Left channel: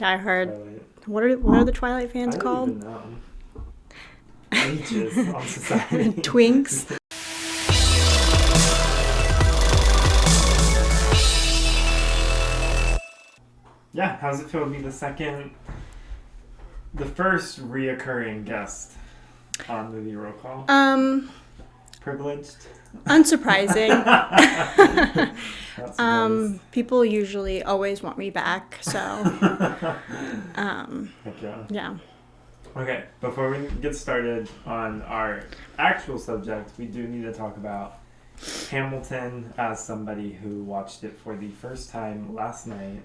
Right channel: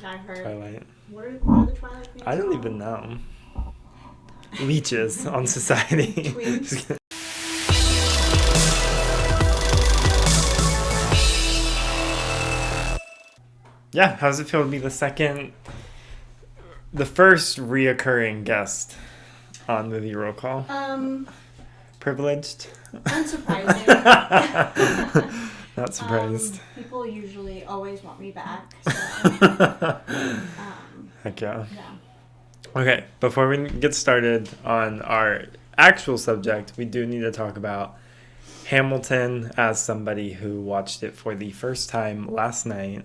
diehard. Twilight. What are the Twilight fans I don't called? even know. Leeches on society. Twinks. Yeah, how does it feel to be the first reoccurring guest on Movie Roll Call? Privileged? Unsurprising. Not surprised. People usually always want me back, so Heck yeah. yeah. Okay, before we get started on our actual subject, we do need to talk about Hamilton as somebody who watched it for the first time last night.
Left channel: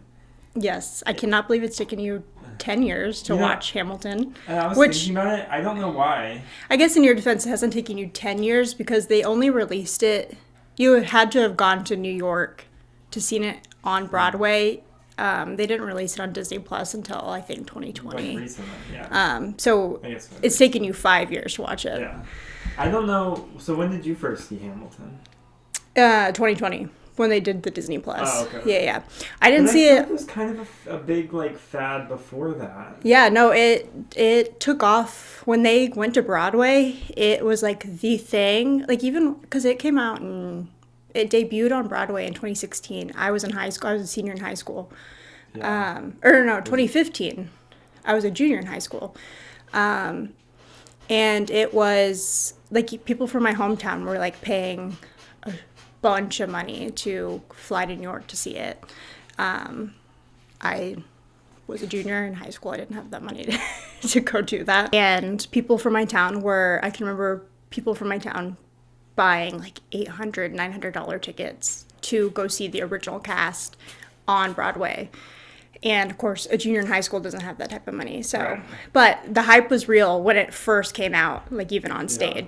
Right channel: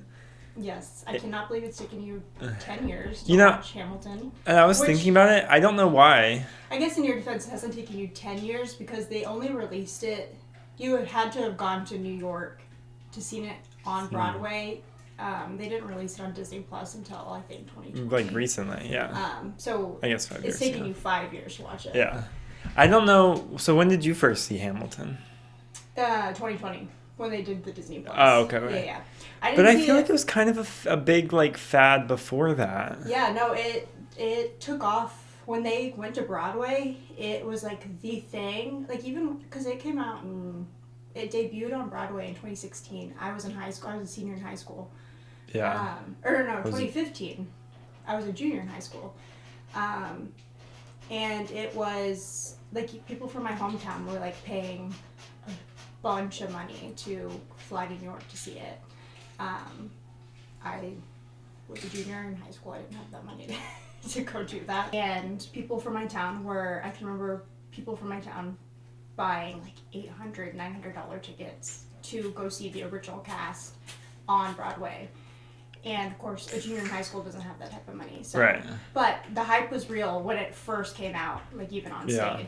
Yes, I cannot believe it's taken you 10 years to watch Hamilton. And I was thinking about it. I don't know why. I guess in your defense, it hasn't taken you 10 years because they only released it. You had to have gone to New York to seen it on Broadway. They didn't release it on Disney Plus until, I think, 2020. Like recently, yeah. So I guess 5 it's years, taken yeah. you 5 years to watch it. Yeah. I don't know. So when did you first see Hamilton? 2020. When they did the Disney Plus. Oh, okay. Yeah. I didn't see it. I feel like it was kind of a big, like, fad before that. Yeah, no, it took off when they went to Broadway. It was, like, the thing. Like, even because it came out and it debuted on Broadway in 2016. I was in high school. I was a senior in high school. Yeah. 2015. I was a junior in high school. And it was, like, people from my hometown were, like, paying a bunch of money to fly to New York to see it. I was a junior in high school. I didn't have that money to go do that. And people from my town I can remember people from my town buying like $800, $900 tickets to go see the original cast on Broadway. And of course, a junior in high school doesn't have that type of money. So, right. But the hype was real when it first came out, like even on stage.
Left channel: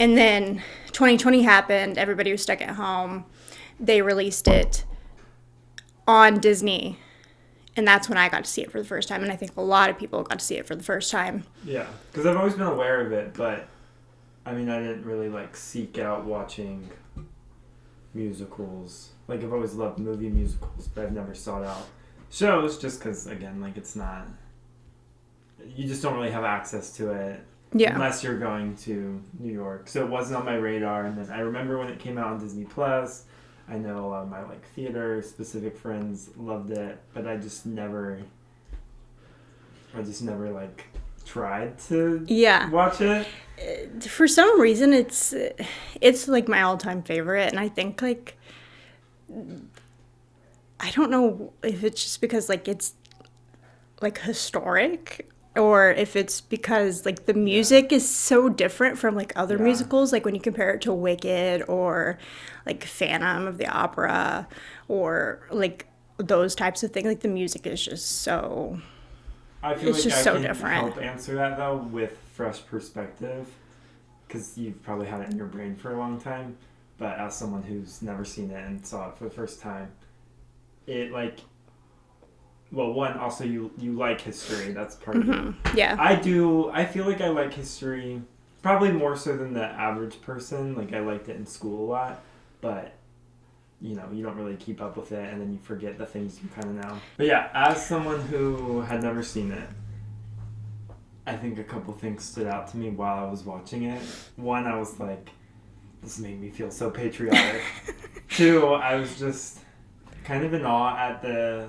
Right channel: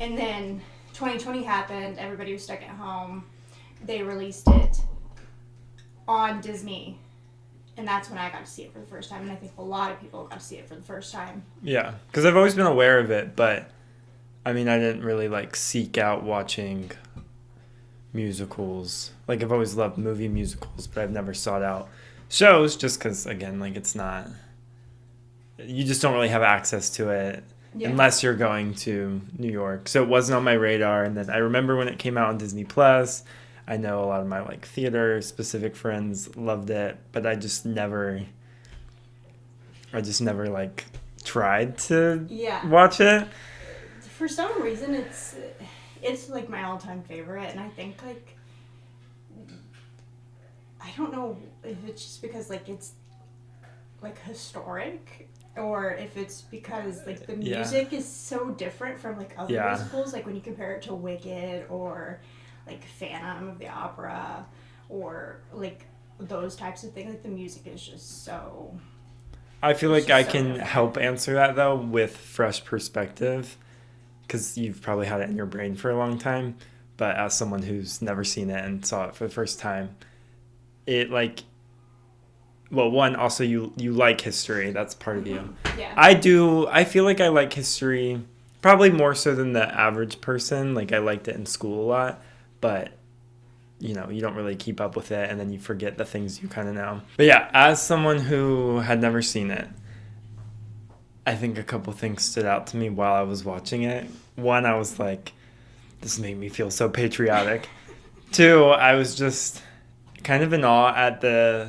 And then 2020 happened. Everybody was stuck at home. They released it on Disney. And that's when I got to see it for the first time. And I think a lot of people got to see it for the first time. Yeah, because I've always been aware of it, but I mean, I didn't really like seek out watching musicals. Like, I've always loved movie musicals, but I've never sought out shows just because, again, like, it's not, you just don't really have access to it unless you're going to New York. So it wasn't on my radar. And then I remember when it came out on Disney Plus, I know a lot of my like theater specific friends loved it, but I just never like tried to watch it. For some reason, it's like my all-time favorite. And I think like, I don't know if it's just because like it's like historic or if it's because like the music is so different from like other musicals, like when you compare it to Wicked or like Phantom of the Opera or like those types of things. Like the music is just so, I feel like I can different. help answer that though with fresh perspective because you've probably had it in your brain for a long time, but as someone who's never seen it and saw it for the first time, it like, well, one, also you like history. That's part of you. Yeah. I feel like I like history probably more so than the average person. Like I liked it in school a lot, but you know, you don't really keep up with it and then you forget the things you kind of know. But yeah, as someone who had never seen it, I think a couple things stood out to me while I was watching it. One, I was like, this made me feel so patriotic. Two, I was just kind of in awe at the,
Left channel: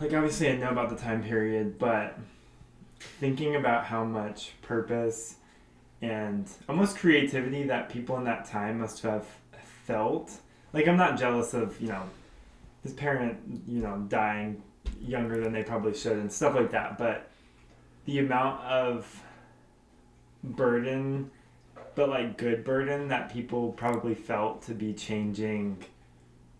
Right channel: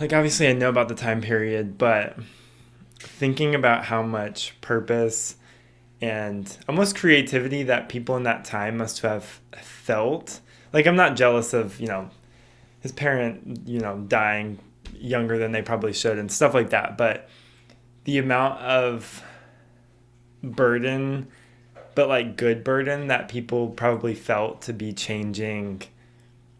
like, obviously I know about the time period, but thinking about how much purpose and almost creativity that people in that time must have felt. Like, I'm not jealous of, you know, his parent, you know, dying younger than they probably should and stuff like that, but the amount of burden, but like good burden that people probably felt to be changing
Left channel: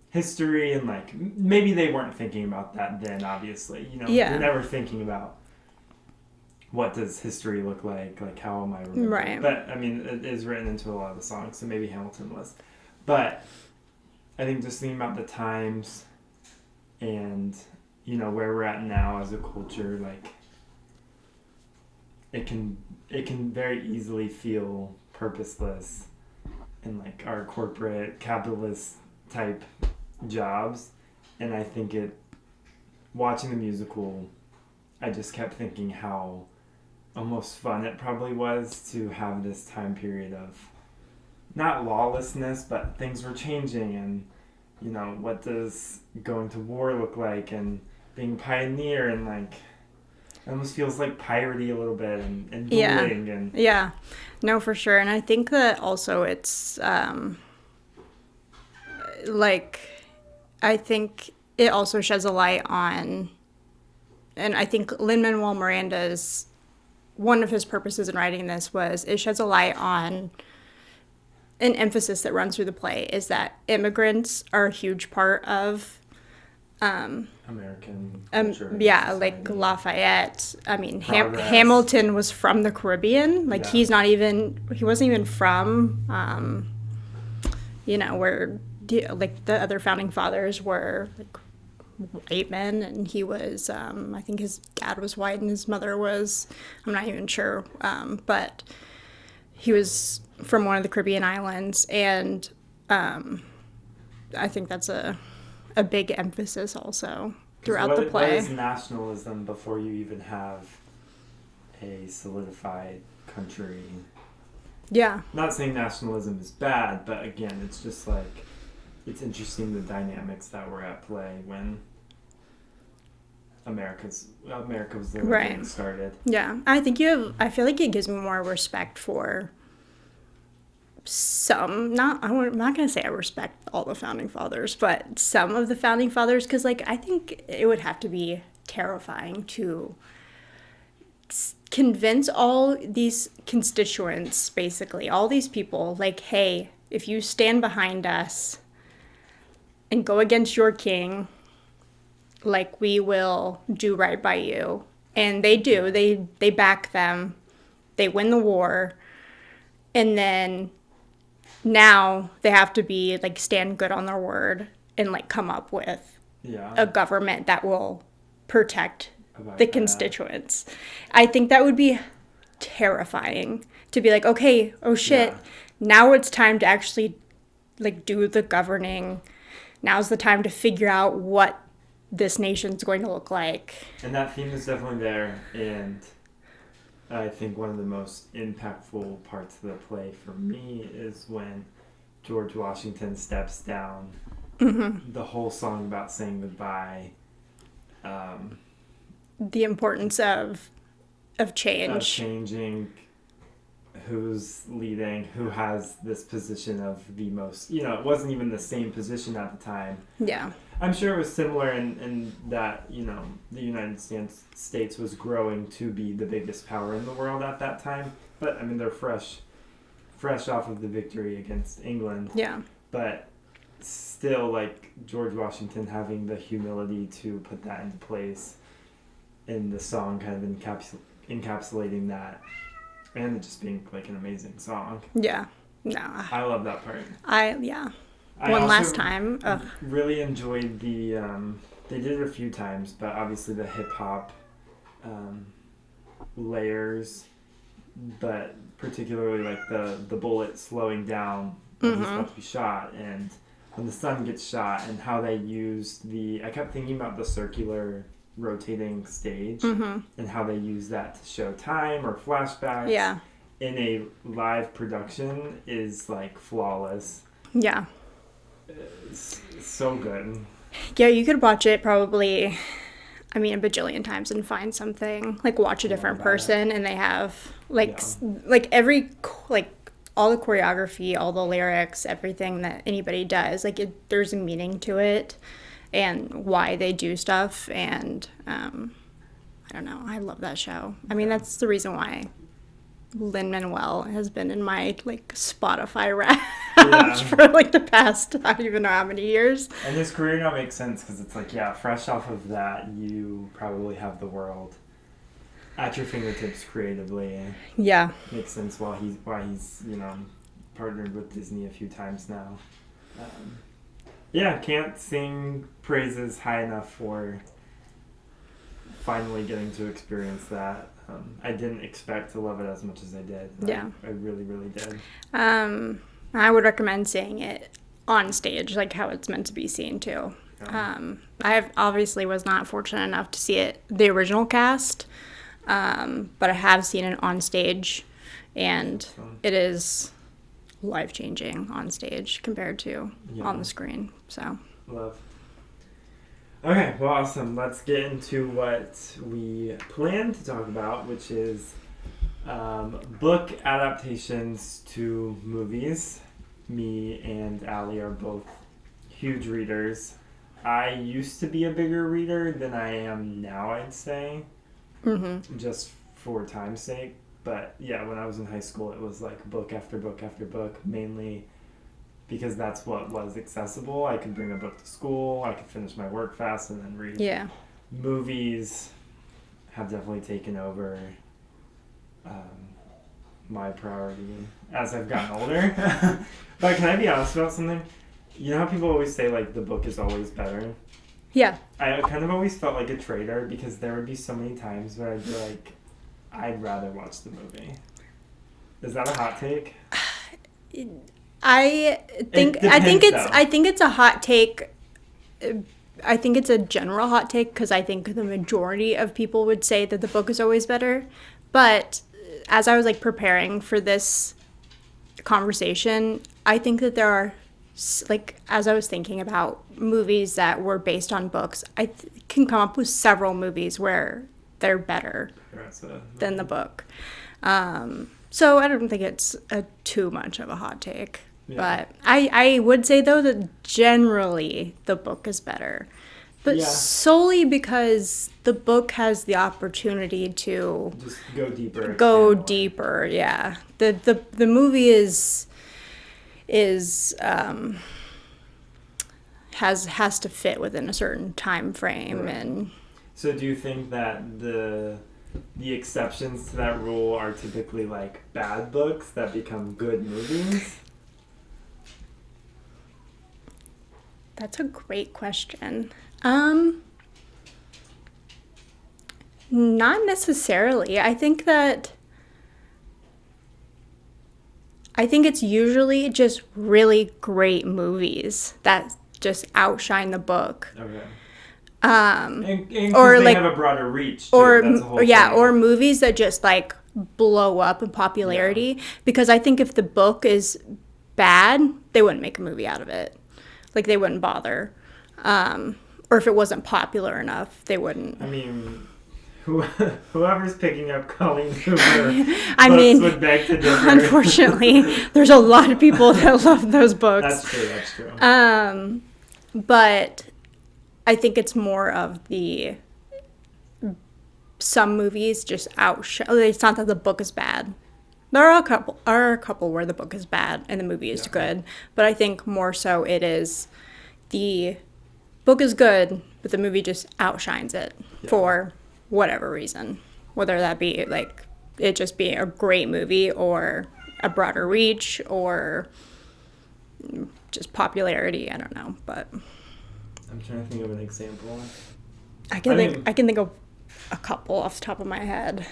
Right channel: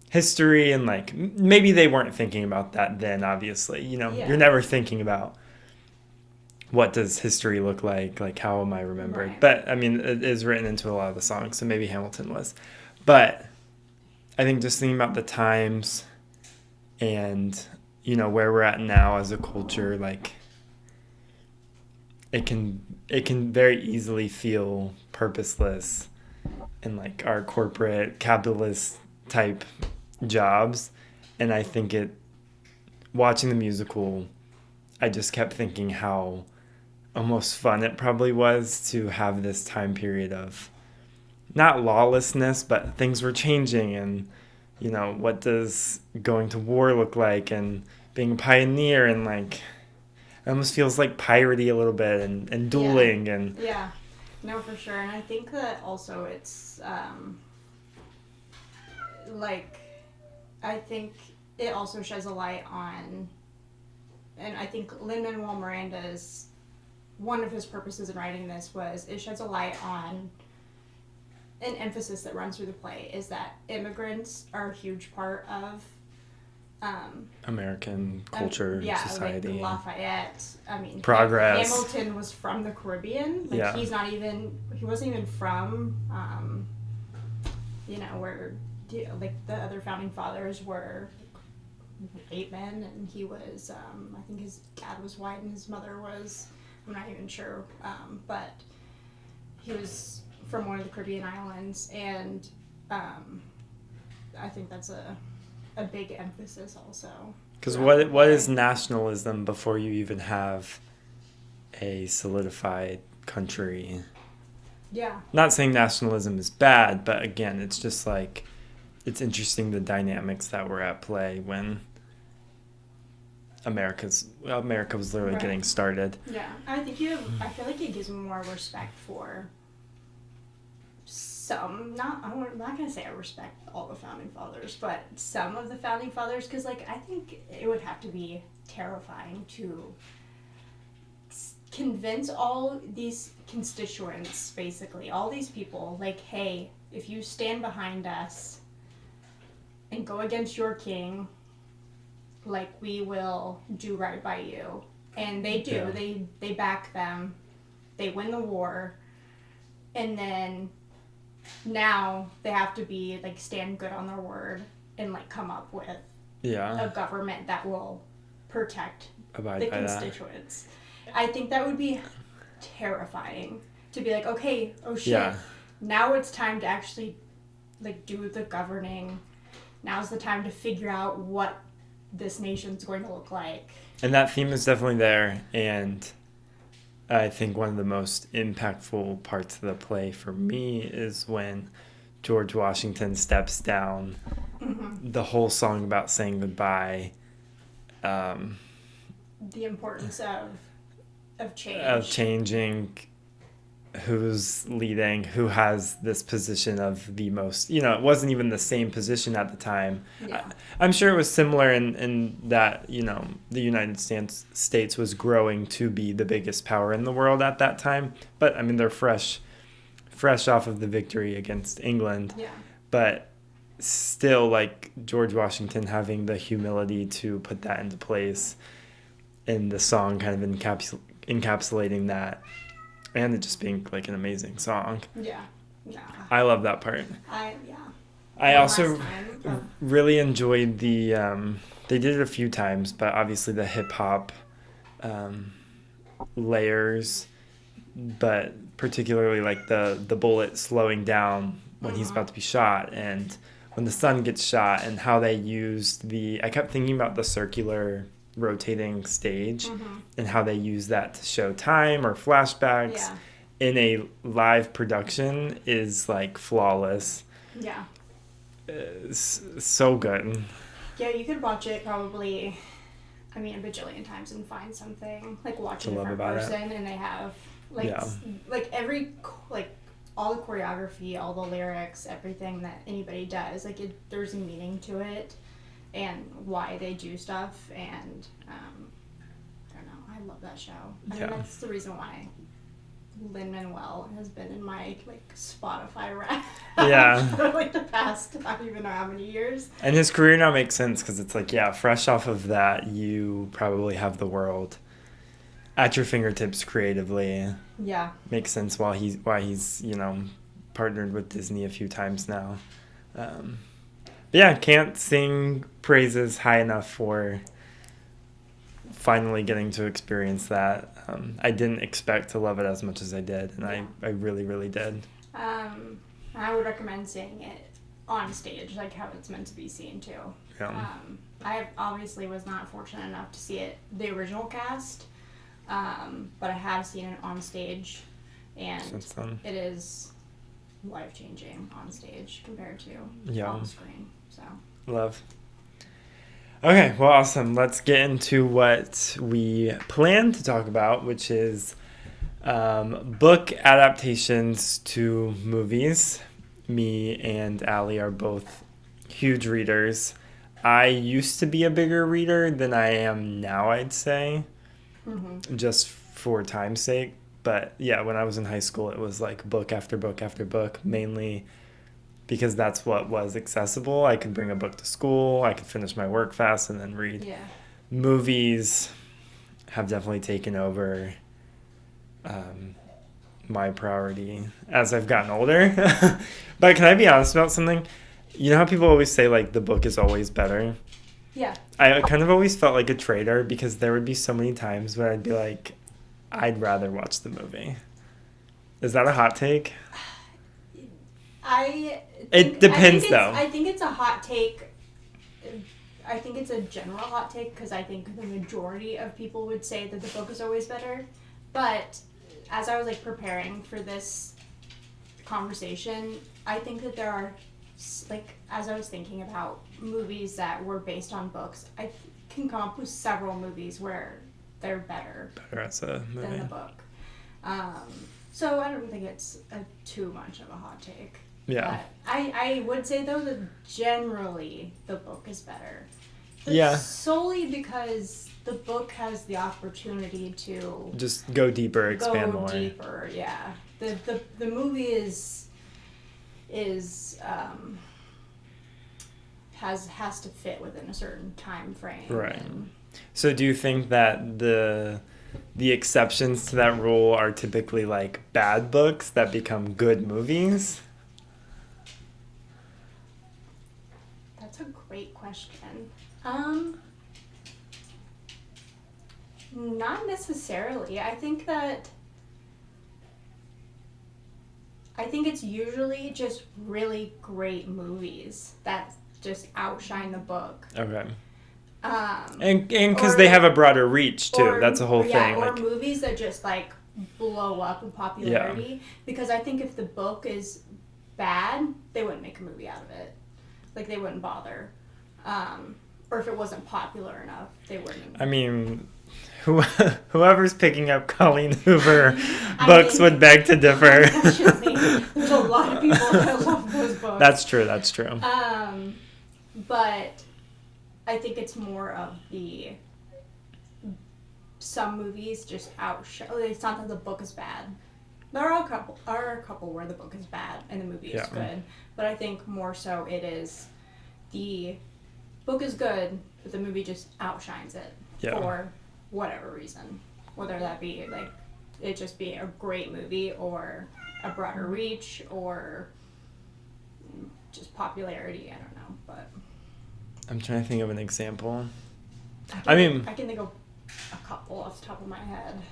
history, and like maybe they weren't thinking about that then, obviously, you know. You're never thinking about what does history look like how am I remembered, right. But I mean it is written into a lot of the songs, so maybe Hamilton was, but I think just thinking about the times and, you know, where we're at now as a culture, like it can very easily feel purposeless in like our corporate capitalist type jobs, and I think it watching the musical, I just kept thinking how almost fun it probably was to have this time period of not lawlessness, but things were changing, and what does going to war look like, and being a pioneer, and like it almost feels like piratey a little bit, and dueling. And yeah, no, for sure. And I think that also it's like, I think it also sheds a light on, and I think Lin-Manuel Miranda's, one of his purposes in writing this was it sheds a light on an emphasis that runs through the play, is that immigrants are a huge part of American culture. Like Lafayette. I mean, Hamilton was from the Caribbean. Like, he wasn't even from, where the other founding fathers were like white men, and he was, I think his dad was white and his mother was, I'm not even sure, but he was from one of the Caribbean islands, and I think that's a big emphasis also throughout the play. What is nationalism before you even have a solidified country? Yeah. Not saying nationalism is bad, but again, it's just like, it's interesting the dynamics that were at play when America was literally getting started. Yeah. I feel like it gives me more respect for I'm not going to say I respect all the founding fathers, but some of the founding fathers, because like I think it would have to be terrifying to convince all these constituents, basically all these people, like, hey, if you stand behind us and go against your king, like, we will do right by you. And they do. Yeah. They back them. They win the war. And then now they have to be, like, stand good on their word and, like, come up with a government that will protect the constituents. I think that would be terrifying to be like, okay, oh shit, now it's time to actually, like, do the governing. Now's the time to figure out what this nation's going to look like. And that theme is definitely there, and I think one of the most impactful parts of the play for me is when George Washington steps down. Mm-hmm. The whole song about saying goodbye. The importance of change. Of changing who's leading, who has this position of the most, it wasn't even the same position at the time. Yeah. I'm sure it was similar in that, the United States was growing to be the biggest power in the world at that time. But, I mean, they're fresh off of the victory against England. Yeah. But still, like, George Washington having the humility to put that into place in the song, kind of encapsulating that. And it just being, like, an amazing song. Yeah. No. I love that part. I also really enjoyed the... they did it a few times, but obviously the hip-hop layers, but particularly, like, the bullet slowing down when he's about to be shot, and when the sun gets shot, and how they used I kept thinking about the circular rotating stage and how they use that to show time or flashbacks in a live production is, like, flawless. Yeah. It's so good. Yeah, you could watch it probably, a bajillion times and find something. Like, watch a different person and they have, like, every, like, all the choreography, all the lyrics, everything that anybody does, like, there's a meaning to it. And why they do stuff, and I don't know, I love that show. I mean, that's the reason why Lin-Manuel has been in my, like, Spotify rap for, like, the past, I don't even know how many years. And his career now makes sense, because it's like, fresh off of that, you probably have the world at your fingertips creatively. Yeah. Makes sense why he's partnered with Disney a few times now. Can't sing praises high enough for finally getting to experience that. I didn't expect to love it as much as I did, and I really, really did. I would recommend seeing it on stage, like how it's meant to be seen too. Yeah. I obviously was not fortunate enough to see it, the original cast, but I have seen it on stage, and it is life-changing on stage compared to on the screen. So love. Okay, well, awesome. Let's get into what we plan to talk about, which is book adaptations to movies. Me and Allie are both huge readers. I used to be a bigger reader than I am now, I'd say, just for time's sake. But yeah, when I was in high school, it was like book after book after book, mainly because that's what was accessible. I could bring a book to school, I could finish my work fast and then read. yeah. Movies have definitely taken over my priority as I've gotten older. But can I be honest about something? You know how people always say, like, the book is always better? Yeah. I kind of always felt like a traitor because there would be so many times where I'd be like, I'd rather watch the movie. Is that a hot take? I It depends, though. I think it's a hot take. I think it's a general hot take because I think the majority of people would say that the book is always better. But as I was like preparing for this conversation, I think that there are, like, as I was thinking about movies that were based on books, I can come up with several movies where they're better than the book. So I don't think it's too much of a hot take. Yeah. But I would say, though, that generally the book is better. But solely because the book has the opportunity to just go deeper, go deeper. Yeah. The movie has to fit within a certain time frame. Right. And so do you think that the exceptions to that rule are typically like bad books that become good movies? That's a great question. Not necessarily. I think it's usually just really great movies that just outshine the book. Okay. And because they have a broader reach too. That's a whole thing. Yeah, or movies that just like blow up in popularity. Yeah. Because I think if the book is bad, they wouldn't make a movie out of it. Like, they wouldn't bother. Or if it wasn't popular enough, they wouldn't. I mean, whoever's picking up Colleen Hoover books would beg to differ. Unfortunately, there's a lot of people that love those books. That's true. But I think it's more of some movies just outshine. It's not that the book is bad. There are a couple where the book is bad and the movie is good, but I think more so it is the book is good, but the movie just outshines it for whatever reason, whether that be like it just being a great movie or a broader reach or just popularity. I don't know, but I'm trying to think of an example. I can think of a couple off the top of my head.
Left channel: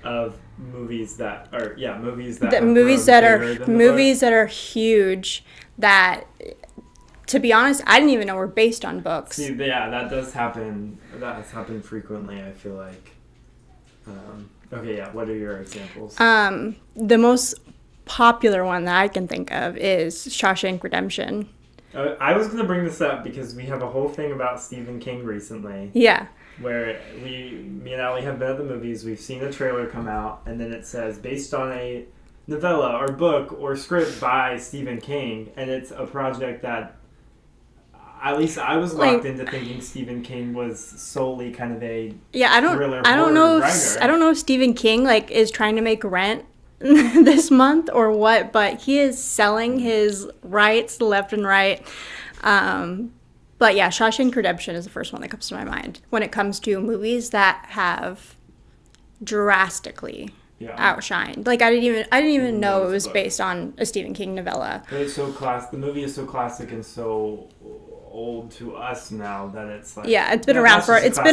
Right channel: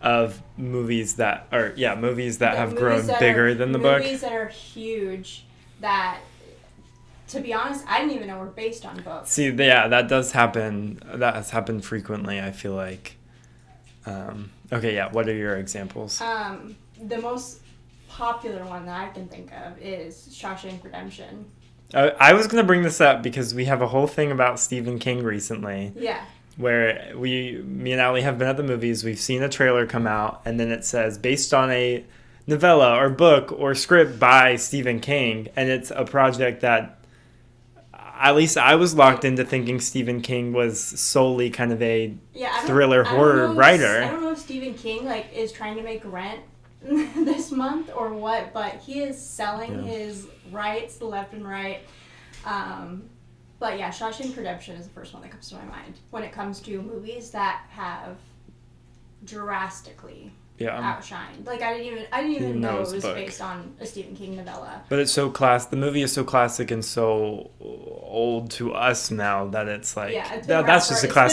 Of movies that are have grown bigger than the book. Movies that are huge that, to be honest, I didn't even know were based on books. See, yeah, that does happen. That has happened frequently, I feel like. What are your examples? The most popular one that I can think of is Shawshank Redemption. I was going to bring this up because we have a whole thing about Stephen King recently. Yeah. Where me and Allie have been at the movies, we've seen a trailer come out, and then it says, based on a novella or book or script by Stephen King, and it's a project that, at least I was locked into thinking Stephen King was solely kind of a thriller horror writer. I don't know if Stephen King, is trying to make rent this month or what, but he is selling his rights left and right. But yeah, Shawshank Redemption is the first one that comes to my mind when it comes to movies that have drastically outshined. Like, I didn't even know it was based on a Stephen King novella. But it's so the movie is so classic and so old to us now that it's like it's been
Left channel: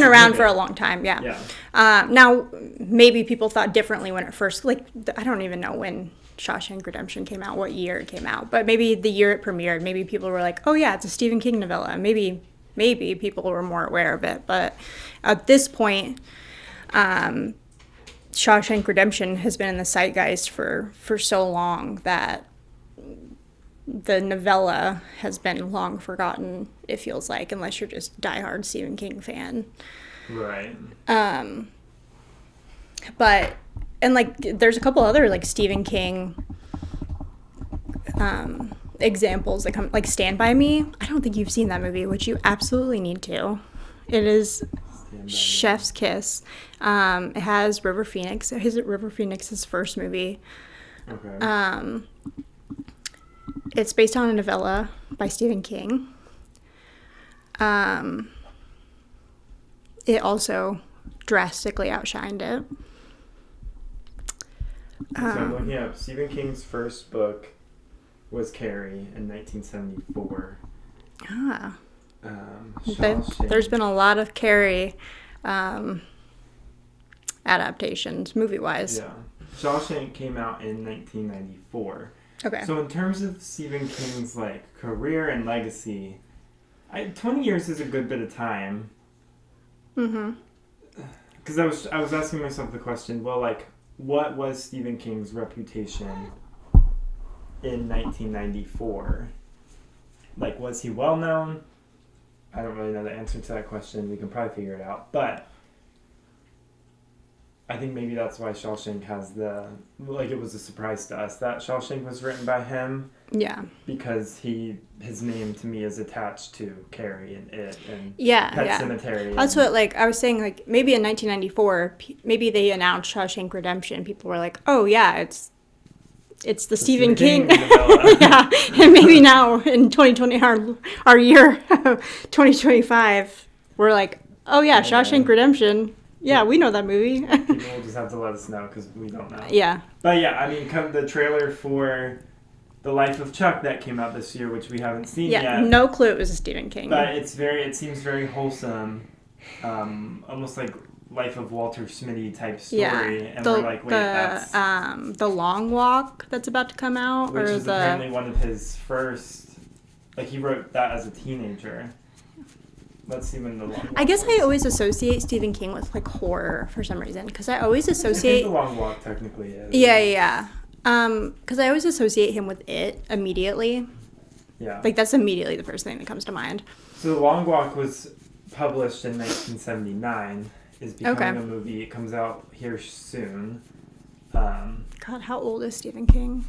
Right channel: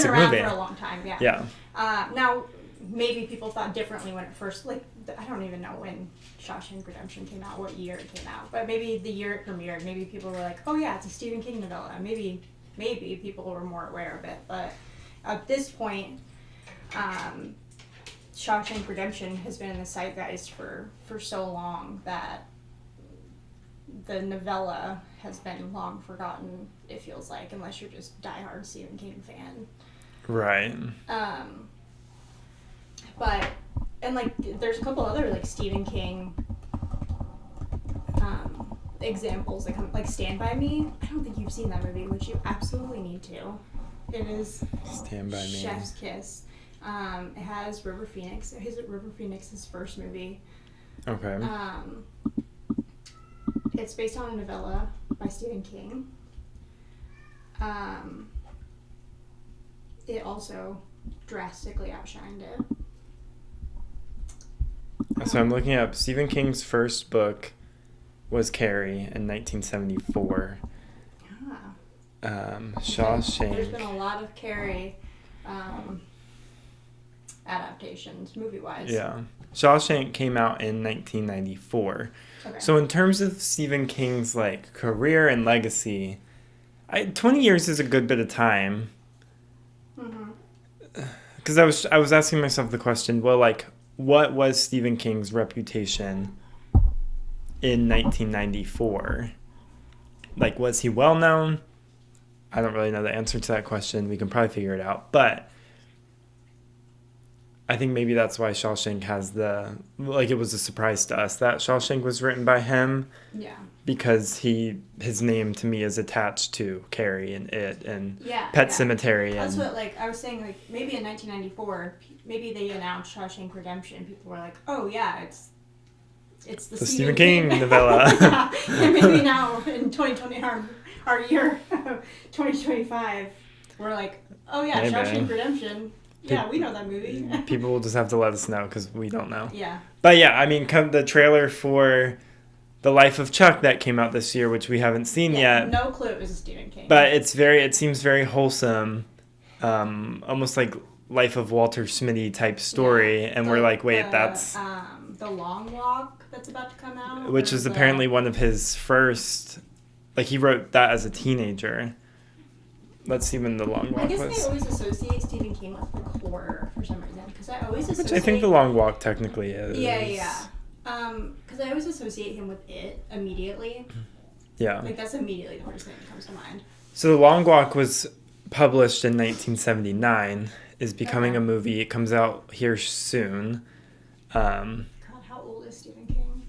around for a long time. Yeah. Now maybe people thought differently when it first I don't even know when Shawshank Redemption came out, what year it came out, but maybe the year it premiered, maybe people were like, oh yeah, it's a Stephen King novella. Maybe maybe people were more aware of it. But at this point, Shawshank Redemption has been in the zeitgeist for so long that the novella has been long forgotten, it feels like, unless you're just diehard Stephen King fan. Right. But, and like, there's a couple other like Stephen King examples that come, like Stand By Me. I don't think you've seen that movie, which you absolutely need to. It is chef's kiss. It has River Phoenix. River Phoenix's first movie. Okay. It's based on a novella by Stephen King. It also drastically outshined it. So I'm looking up Stephen King's first book was Carrie in 1974. Shawshank. There's been a lot of Carrie adaptations, movie-wise. Yeah. Shawshank came out in 1994. Okay. So in terms of Stephen King's like career and legacy, 20 years is a good bit of time. Mm-hmm. Because I was asking myself the question, well, like, what was Stephen King's reputation in 1994? Like, was he well known? I don't really know the answer to that question. We can probably figure it out. But I think maybe that's why Shawshank has it was a surprise to us that Shawshank was written by him. Yeah. Because his name to me is attached to Carrie and It and Pet Sematary. That's what, like, I was saying, like, maybe in 1994, maybe they announced Shawshank Redemption. People were like, oh, yeah, it's the Stephen King novella. Yeah. And maybe now in 2020, our year 2025, we're like, oh, yeah, Shawshank Redemption. Yeah, we know that movie. People will just have to let us know because we don't know. Yeah. But yeah, I mean, the trailer for The Life of Chuck that came out this year, which we haven't seen yet. No clue it was a Stephen King. But it seems very wholesome, almost like Life of Walter Smitty type story. And we're like, wait, that's... The Long Walk that's about to come out. Which is apparently one of his first... Like, he wrote that as a teenager. Let's see when The Long Walk I guess was. I always associate Stephen King with, like, horror for some reason. Because I always associate... I think The Long Walk technically is. Yeah. Because I always associate him with It immediately. Yeah. Like, that's immediately the first thing that comes to mind. So The Long Walk was published in 1979, is becoming a movie. It comes out here soon. God, how old is Stephen King?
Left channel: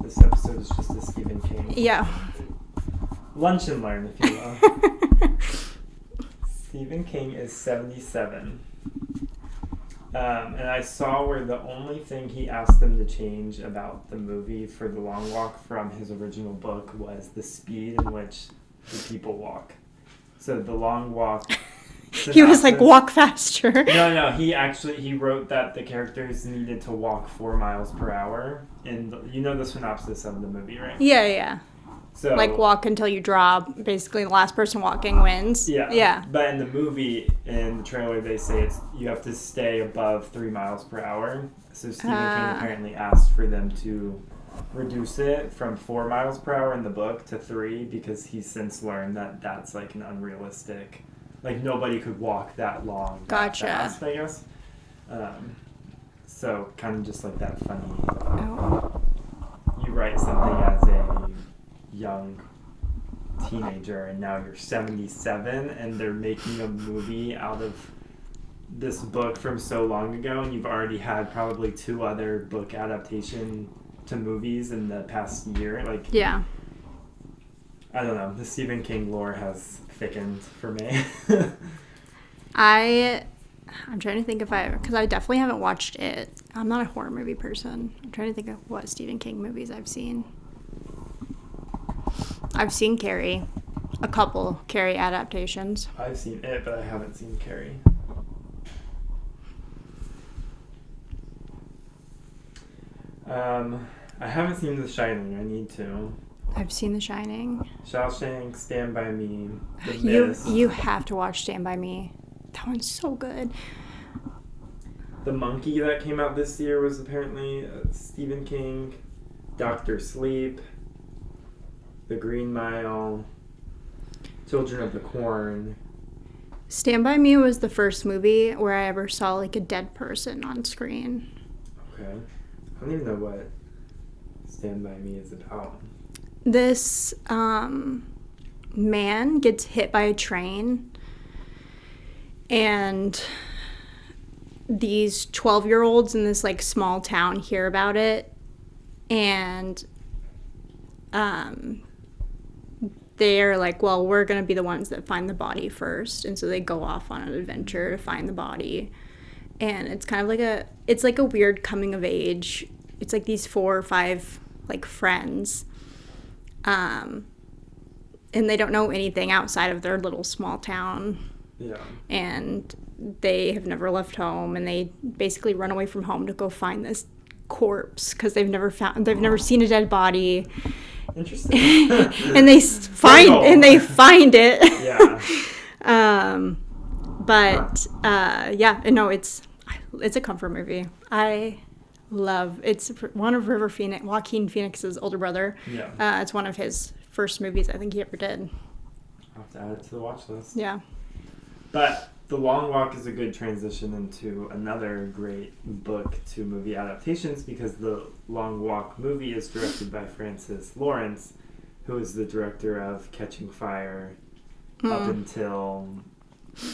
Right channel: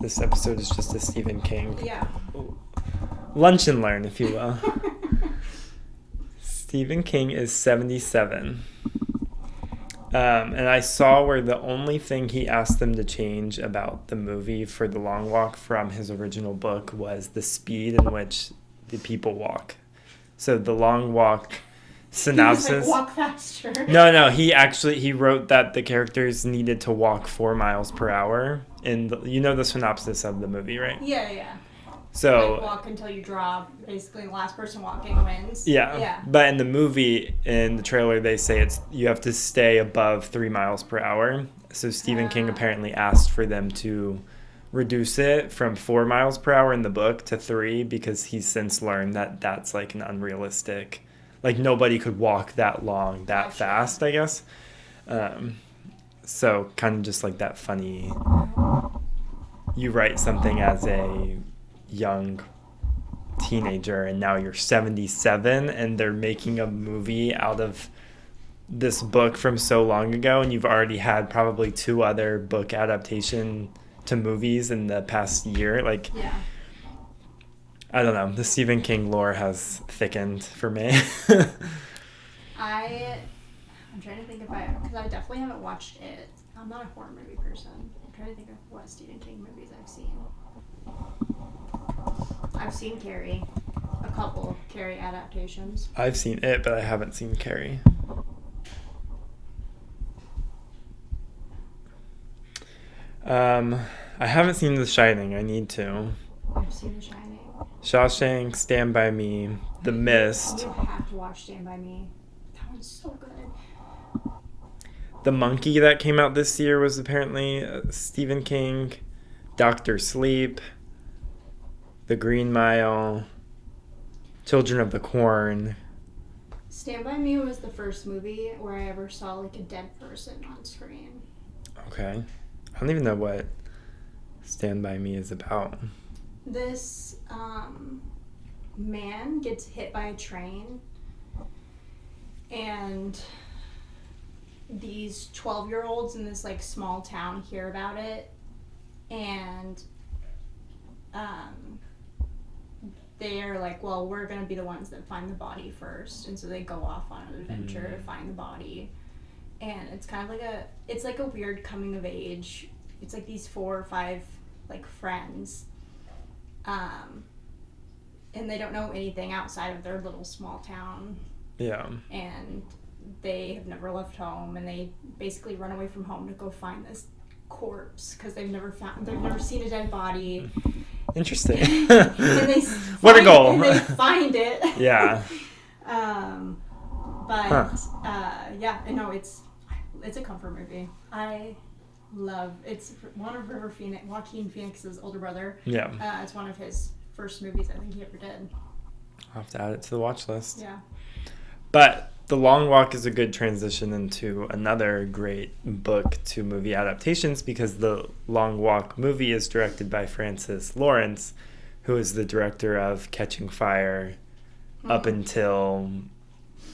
This episode is just a Stephen King. Yeah. Lunch and learn, if you will. Stephen King is 77. And I saw where the only thing he asked them to change about the movie for The Long Walk from his original book was the speed in which the people walk. So The Long Walk synopsis... He was like, walk faster. No, he wrote that the characters needed to walk 4 miles per hour. You know the synopsis of the movie, right? Yeah. So, like, walk until you draw. Basically, the last person walking wins. Yeah. But in the movie, in the trailer, they say you have to stay above 3 miles per hour. So Stephen King apparently asked for them to reduce it from 4 miles per hour in the book to 3 because he's since learned that that's like an unrealistic... Like, nobody could walk that long, that fast, I guess. So kind of just like that funny... You write something as a young teenager and now you're 77 and they're making a movie out of this book from so long ago and you've already had probably 2 other book adaptation to movies in the past year. Like, yeah. I don't know. The Stephen King lore has thickened for me. I'm trying to think because I definitely haven't watched it. I'm not a horror movie person. I'm trying to think of what Stephen King movies I've seen. I've seen Carrie. A couple Carrie adaptations. I've seen it, but I haven't seen Carrie. I haven't seen The Shining. I need to. I've seen The Shining. Shawshank, Stand By Me, The Mist. You have to watch Stand By Me. That one's so good. The Monkey that came out this year was apparently Stephen King. Dr. Sleep. The Green Mile. Children of the Corn. Stand By Me was the first movie where I ever saw like a dead person on screen. Okay. I don't even know what Stand By Me is about. This man gets hit by a train, and these 12-year-olds in this like small town hear about it, and they're like, well, we're gonna be the ones that find the body first, and so they go off on an adventure to find the body. And it's kind of like it's like a weird coming of age. It's like these 4 or 5 like friends, and they don't know anything outside of their little small town. Yeah. And they have never left home, and they basically run away from home to go find this corpse because they've never seen a dead body. Interesting. And they find it. Yeah. Yeah, no, it's a comfort movie. It's one of Joaquin Phoenix's older brother. Yeah. It's one of his first movies I think he ever did. I'll have to add it to the watch list. Yeah. But The Long Walk is a good transition into another great book to movie adaptations, because The Long Walk movie is directed by Francis Lawrence, who is the director of Catching Fire up until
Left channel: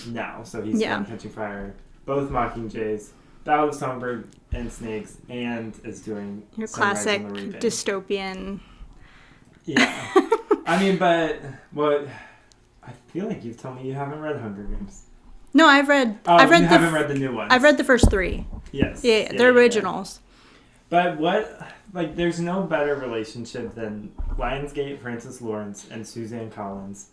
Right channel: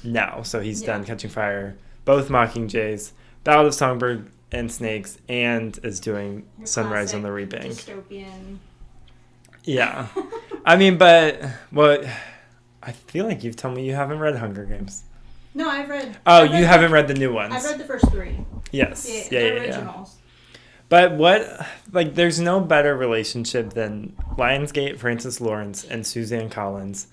now. So he's done Catching Fire, both Mockingjays, Ballad of Songbird and Snakes, and is doing Your Sunrise on the Reaping. Dystopian. Yeah. I mean, but I feel like you've told me you haven't read Hunger Games. No, I've read. Oh, you haven't read the new ones. I've read the first 3. Yes. Yeah, they're originals. But there's no better relationship than Lionsgate, Francis Lawrence, and Suzanne Collins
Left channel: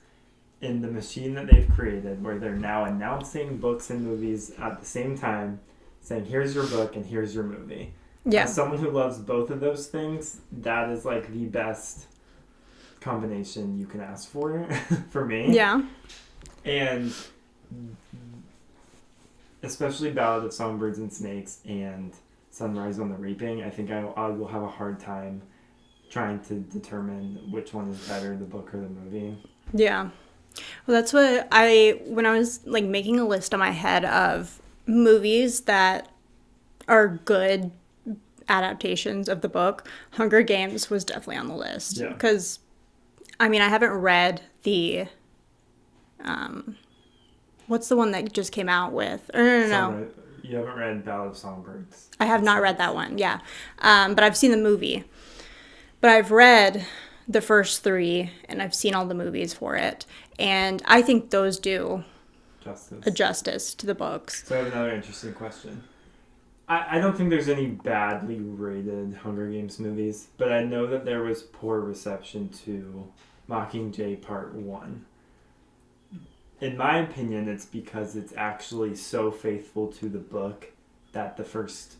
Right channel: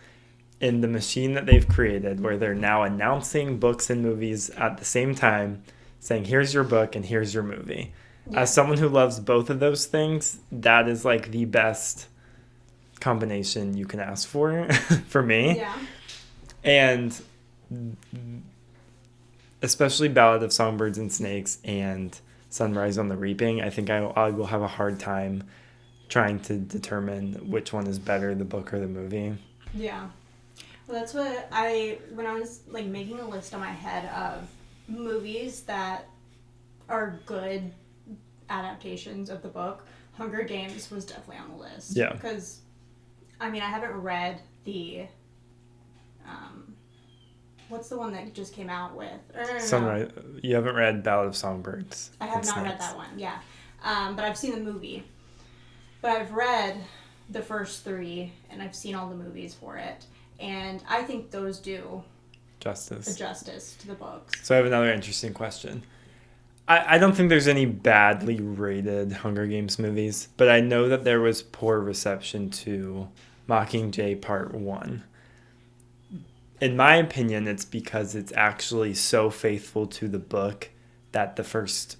in the machine that they've created, where they're now announcing books and movies at the same time, saying, here's your book and here's your movie. Yeah. As someone who loves both of those things, that is like the best combination you can ask for me. Yeah. And especially Ballad of Songbirds and Snakes and Sunrise on the Reaping, I think I will have a hard time trying to determine which one is better, the book or the movie. Yeah. Well, that's what when I was like making a list in my head of movies that are good adaptations of the book, Hunger Games was definitely on the list. Yeah. Because, I mean, I haven't read the, what's the one that just came out with? No. You haven't read Ballad of Songbirds? I have not read that one, yeah. But I've seen the movie. But I've read the first 3, and I've seen all the movies for it. And I think those do justice to the books. So I have another interesting question. I don't think there's any badly rated Hunger Games movies, but I know that there was poor reception to Mockingjay Part 1. In my opinion, it's because it's actually so faithful to the book that the first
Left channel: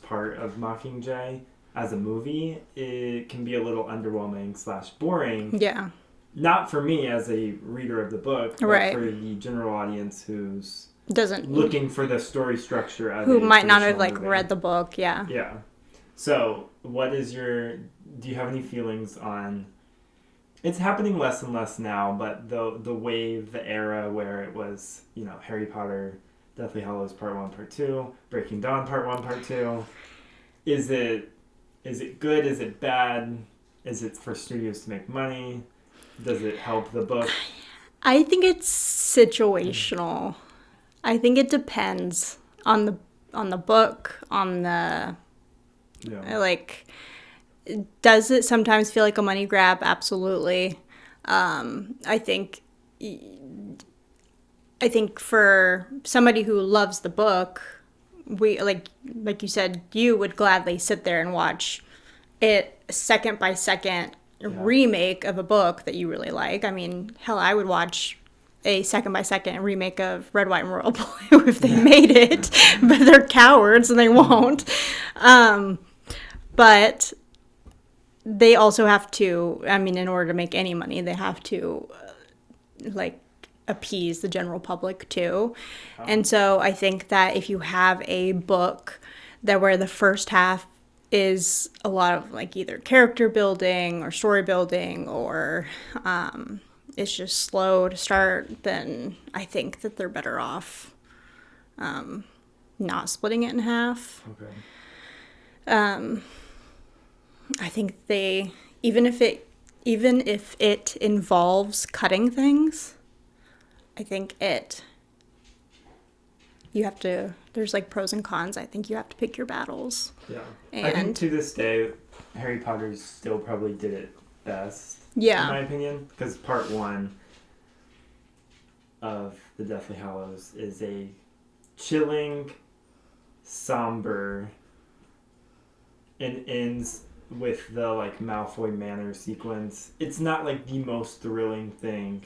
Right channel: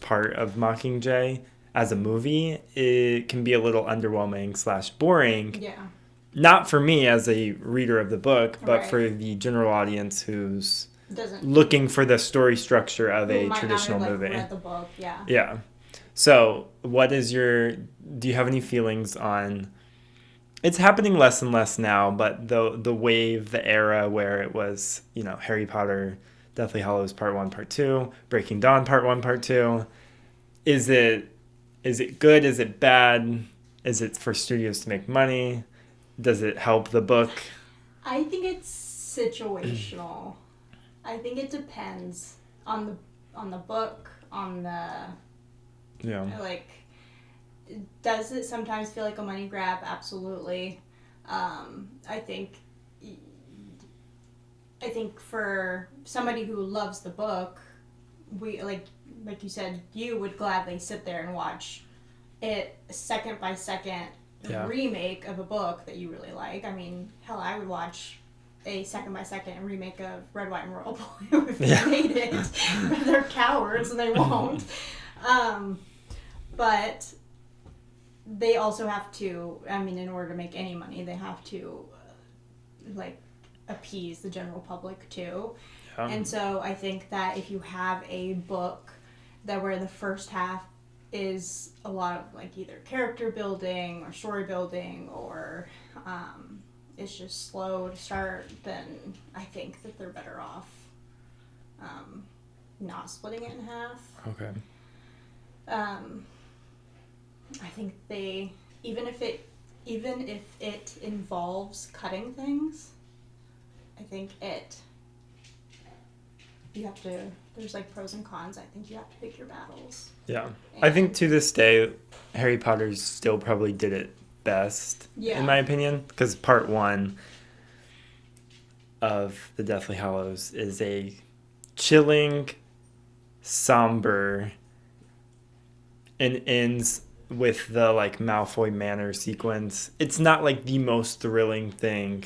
part of Mockingjay as a movie, it can be a little underwhelming / boring. Yeah. Not for me as a reader of the book, but right. for the general audience who's doesn't looking for the story structure of who a might not have movie. read the book. Yeah. Yeah. So, do you have any feelings on? It's happening less and less now, but the wave, the era where it was, Harry Potter, Deathly Hallows Part 1, Part 2, Breaking Dawn Part 1, Part 2. Is it good? Is it bad? Is it for studios to make money? Does it help the book? I think it's situational. I think it depends on the book, on the does it sometimes feel like a money grab? Absolutely. I think for somebody who loves the book, we like you said, you would gladly sit there and watch it second by second remake of a book that you really like. I mean, hell, I would watch a second by second remake of Red, White, and Royal Blue if they made it, but they're cowards and they won't. But they also have to, I mean, in order to make any money, they have to appease the general public too. And so I think that if you have a book that where the first half is a lot of either character building or story building, or is just slow to start, then I think that they're better off not splitting it in half. Okay. I think even if it involves cutting things, I think there's like pros and cons. I think you have to pick your battles. Yeah. I think to this day, Harry Potter still probably did it best, in my opinion, because part 1 of the Deathly Hallows is a chilling, somber, and ends with the like Malfoy Manor sequence. It's not like the most thrilling thing,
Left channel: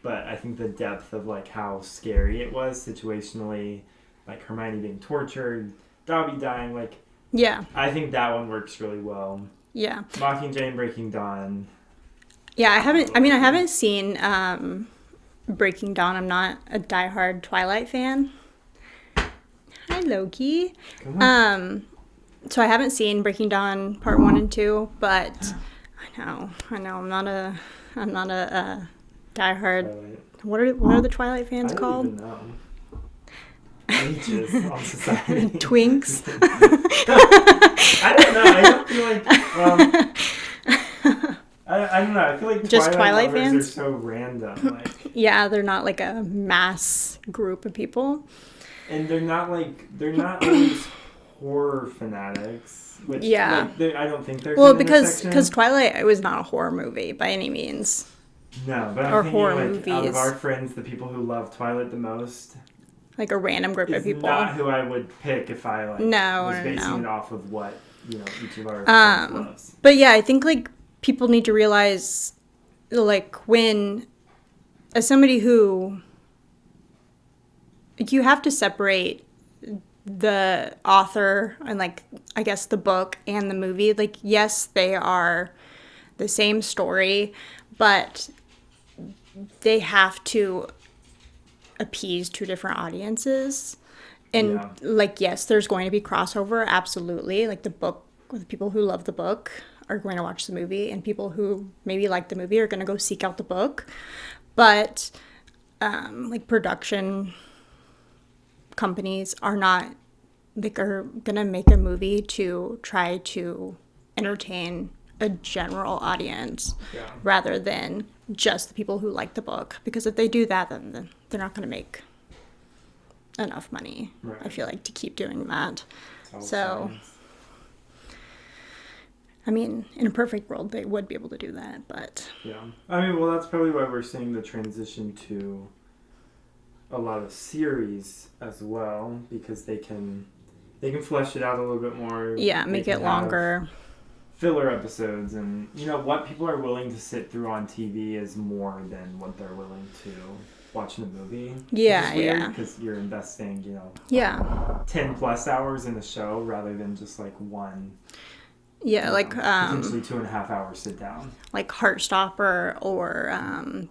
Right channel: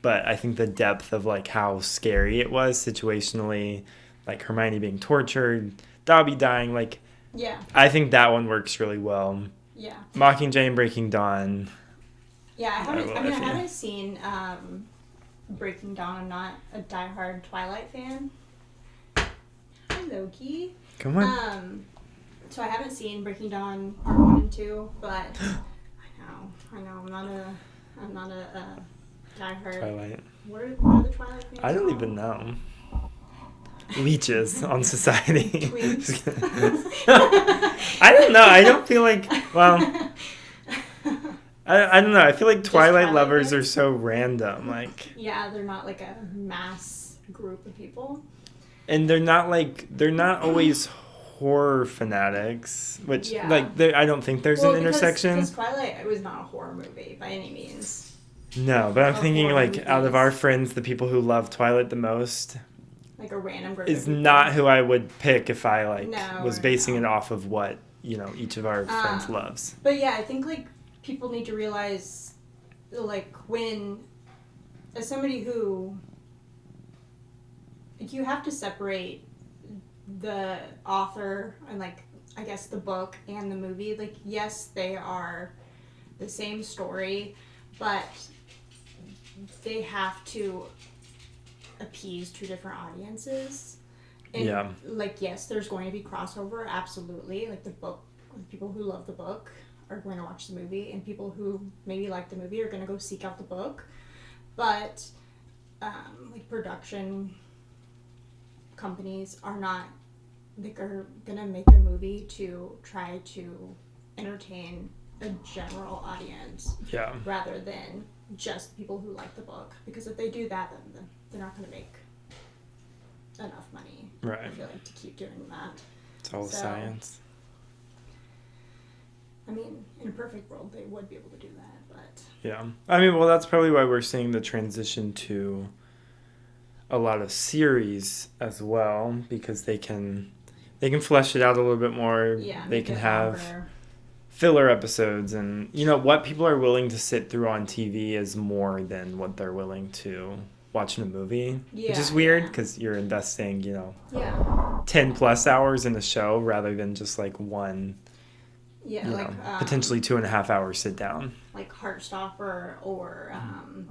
but I think the depth of like how scary it was situationally, like Hermione being tortured, Dobby dying, like I think that one works really well. Yeah. Mockingjay and Breaking Dawn. Yeah, I haven't seen Breaking Dawn. I'm not a diehard Twilight fan. Hi, Loki. Come on. So I haven't seen Breaking Dawn part 1 and 2, but I know I'm not a diehard. Twilight. What are the Twilight fans called? I don't even know. Leeches on society. Twinks. I don't know. I don't feel like, well, I don't know. I feel like Twilight lovers fans? Are so random. Like, yeah, they're not like a mass group of people. And they're not always horror fanatics, which I don't think there's an intersection. Because Twilight, it was not a horror movie by any means. No, but I'm thinking like movies. Out of our friends, the people who love Twilight the most, like a random group of people, not who I would pick if I was basing it off of what each of our friends loves. But yeah, I think like people need to realize, like, when as somebody who, like, you have to separate the author and, like, I guess the book and the movie. Like, yes, they are the same story, but they have to appease two different audiences. And like, yes, there's going to be crossover, absolutely. Like, the people who love the book are going to watch the movie, and people who maybe like the movie are going to go seek out the book. But like, production companies are not, like, are gonna make a movie to try to entertain a general audience rather than just the people who like the book, because if they do that, then they're not gonna make enough money, I feel like, to keep doing that. It's all science. I mean, in a perfect world, they would be able to do that, but... Yeah. I mean, well, that's probably why we're seeing the transition to a lot of series as well, because they can flesh it out a little bit more. Yeah, make it longer. Filler episodes, and, what people are willing to sit through on TV is more than what they're willing to watch in a movie. Yeah, which is weird, because you're investing, 10 plus hours in a show rather than just, like, one... Yeah, like... potentially 2.5 hours sit down. Like Heartstopper or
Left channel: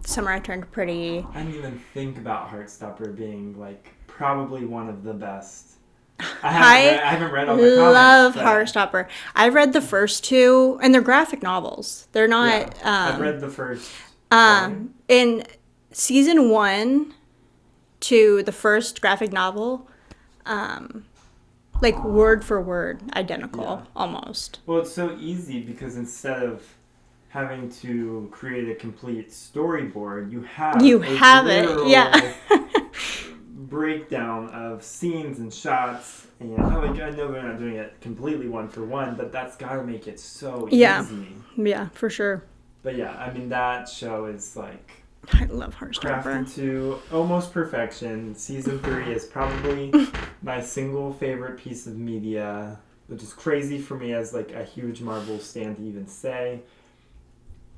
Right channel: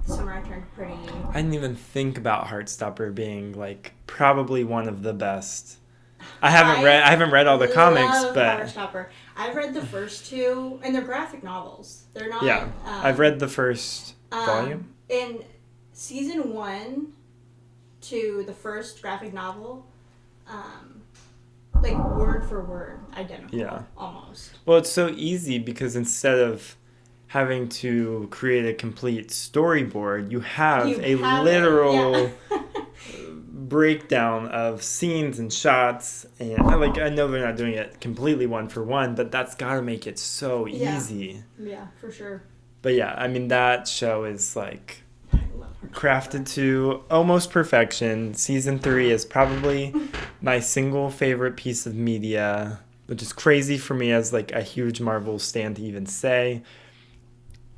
Summer I Turned Pretty. I didn't even think about Heartstopper being, like, probably one of the best. I haven't read all the comics. I love Heartstopper. I've read the first two, and they're graphic novels. They're not... Yeah, I've read the first volume. In season 1 to the first graphic novel... like, word for word identical, almost. Well, it's so easy because instead of having to create a complete storyboard, you have a literal breakdown of scenes and shots. And, like, I know they're not doing it completely one for one, but that's got to make it so easy. Yeah, for sure. But yeah, I mean, that show is, like... I love Heartstopper. Crafted to almost perfection. Season 3 is probably my single favorite piece of media, which is crazy for me as, like, a huge Marvel stan to even say.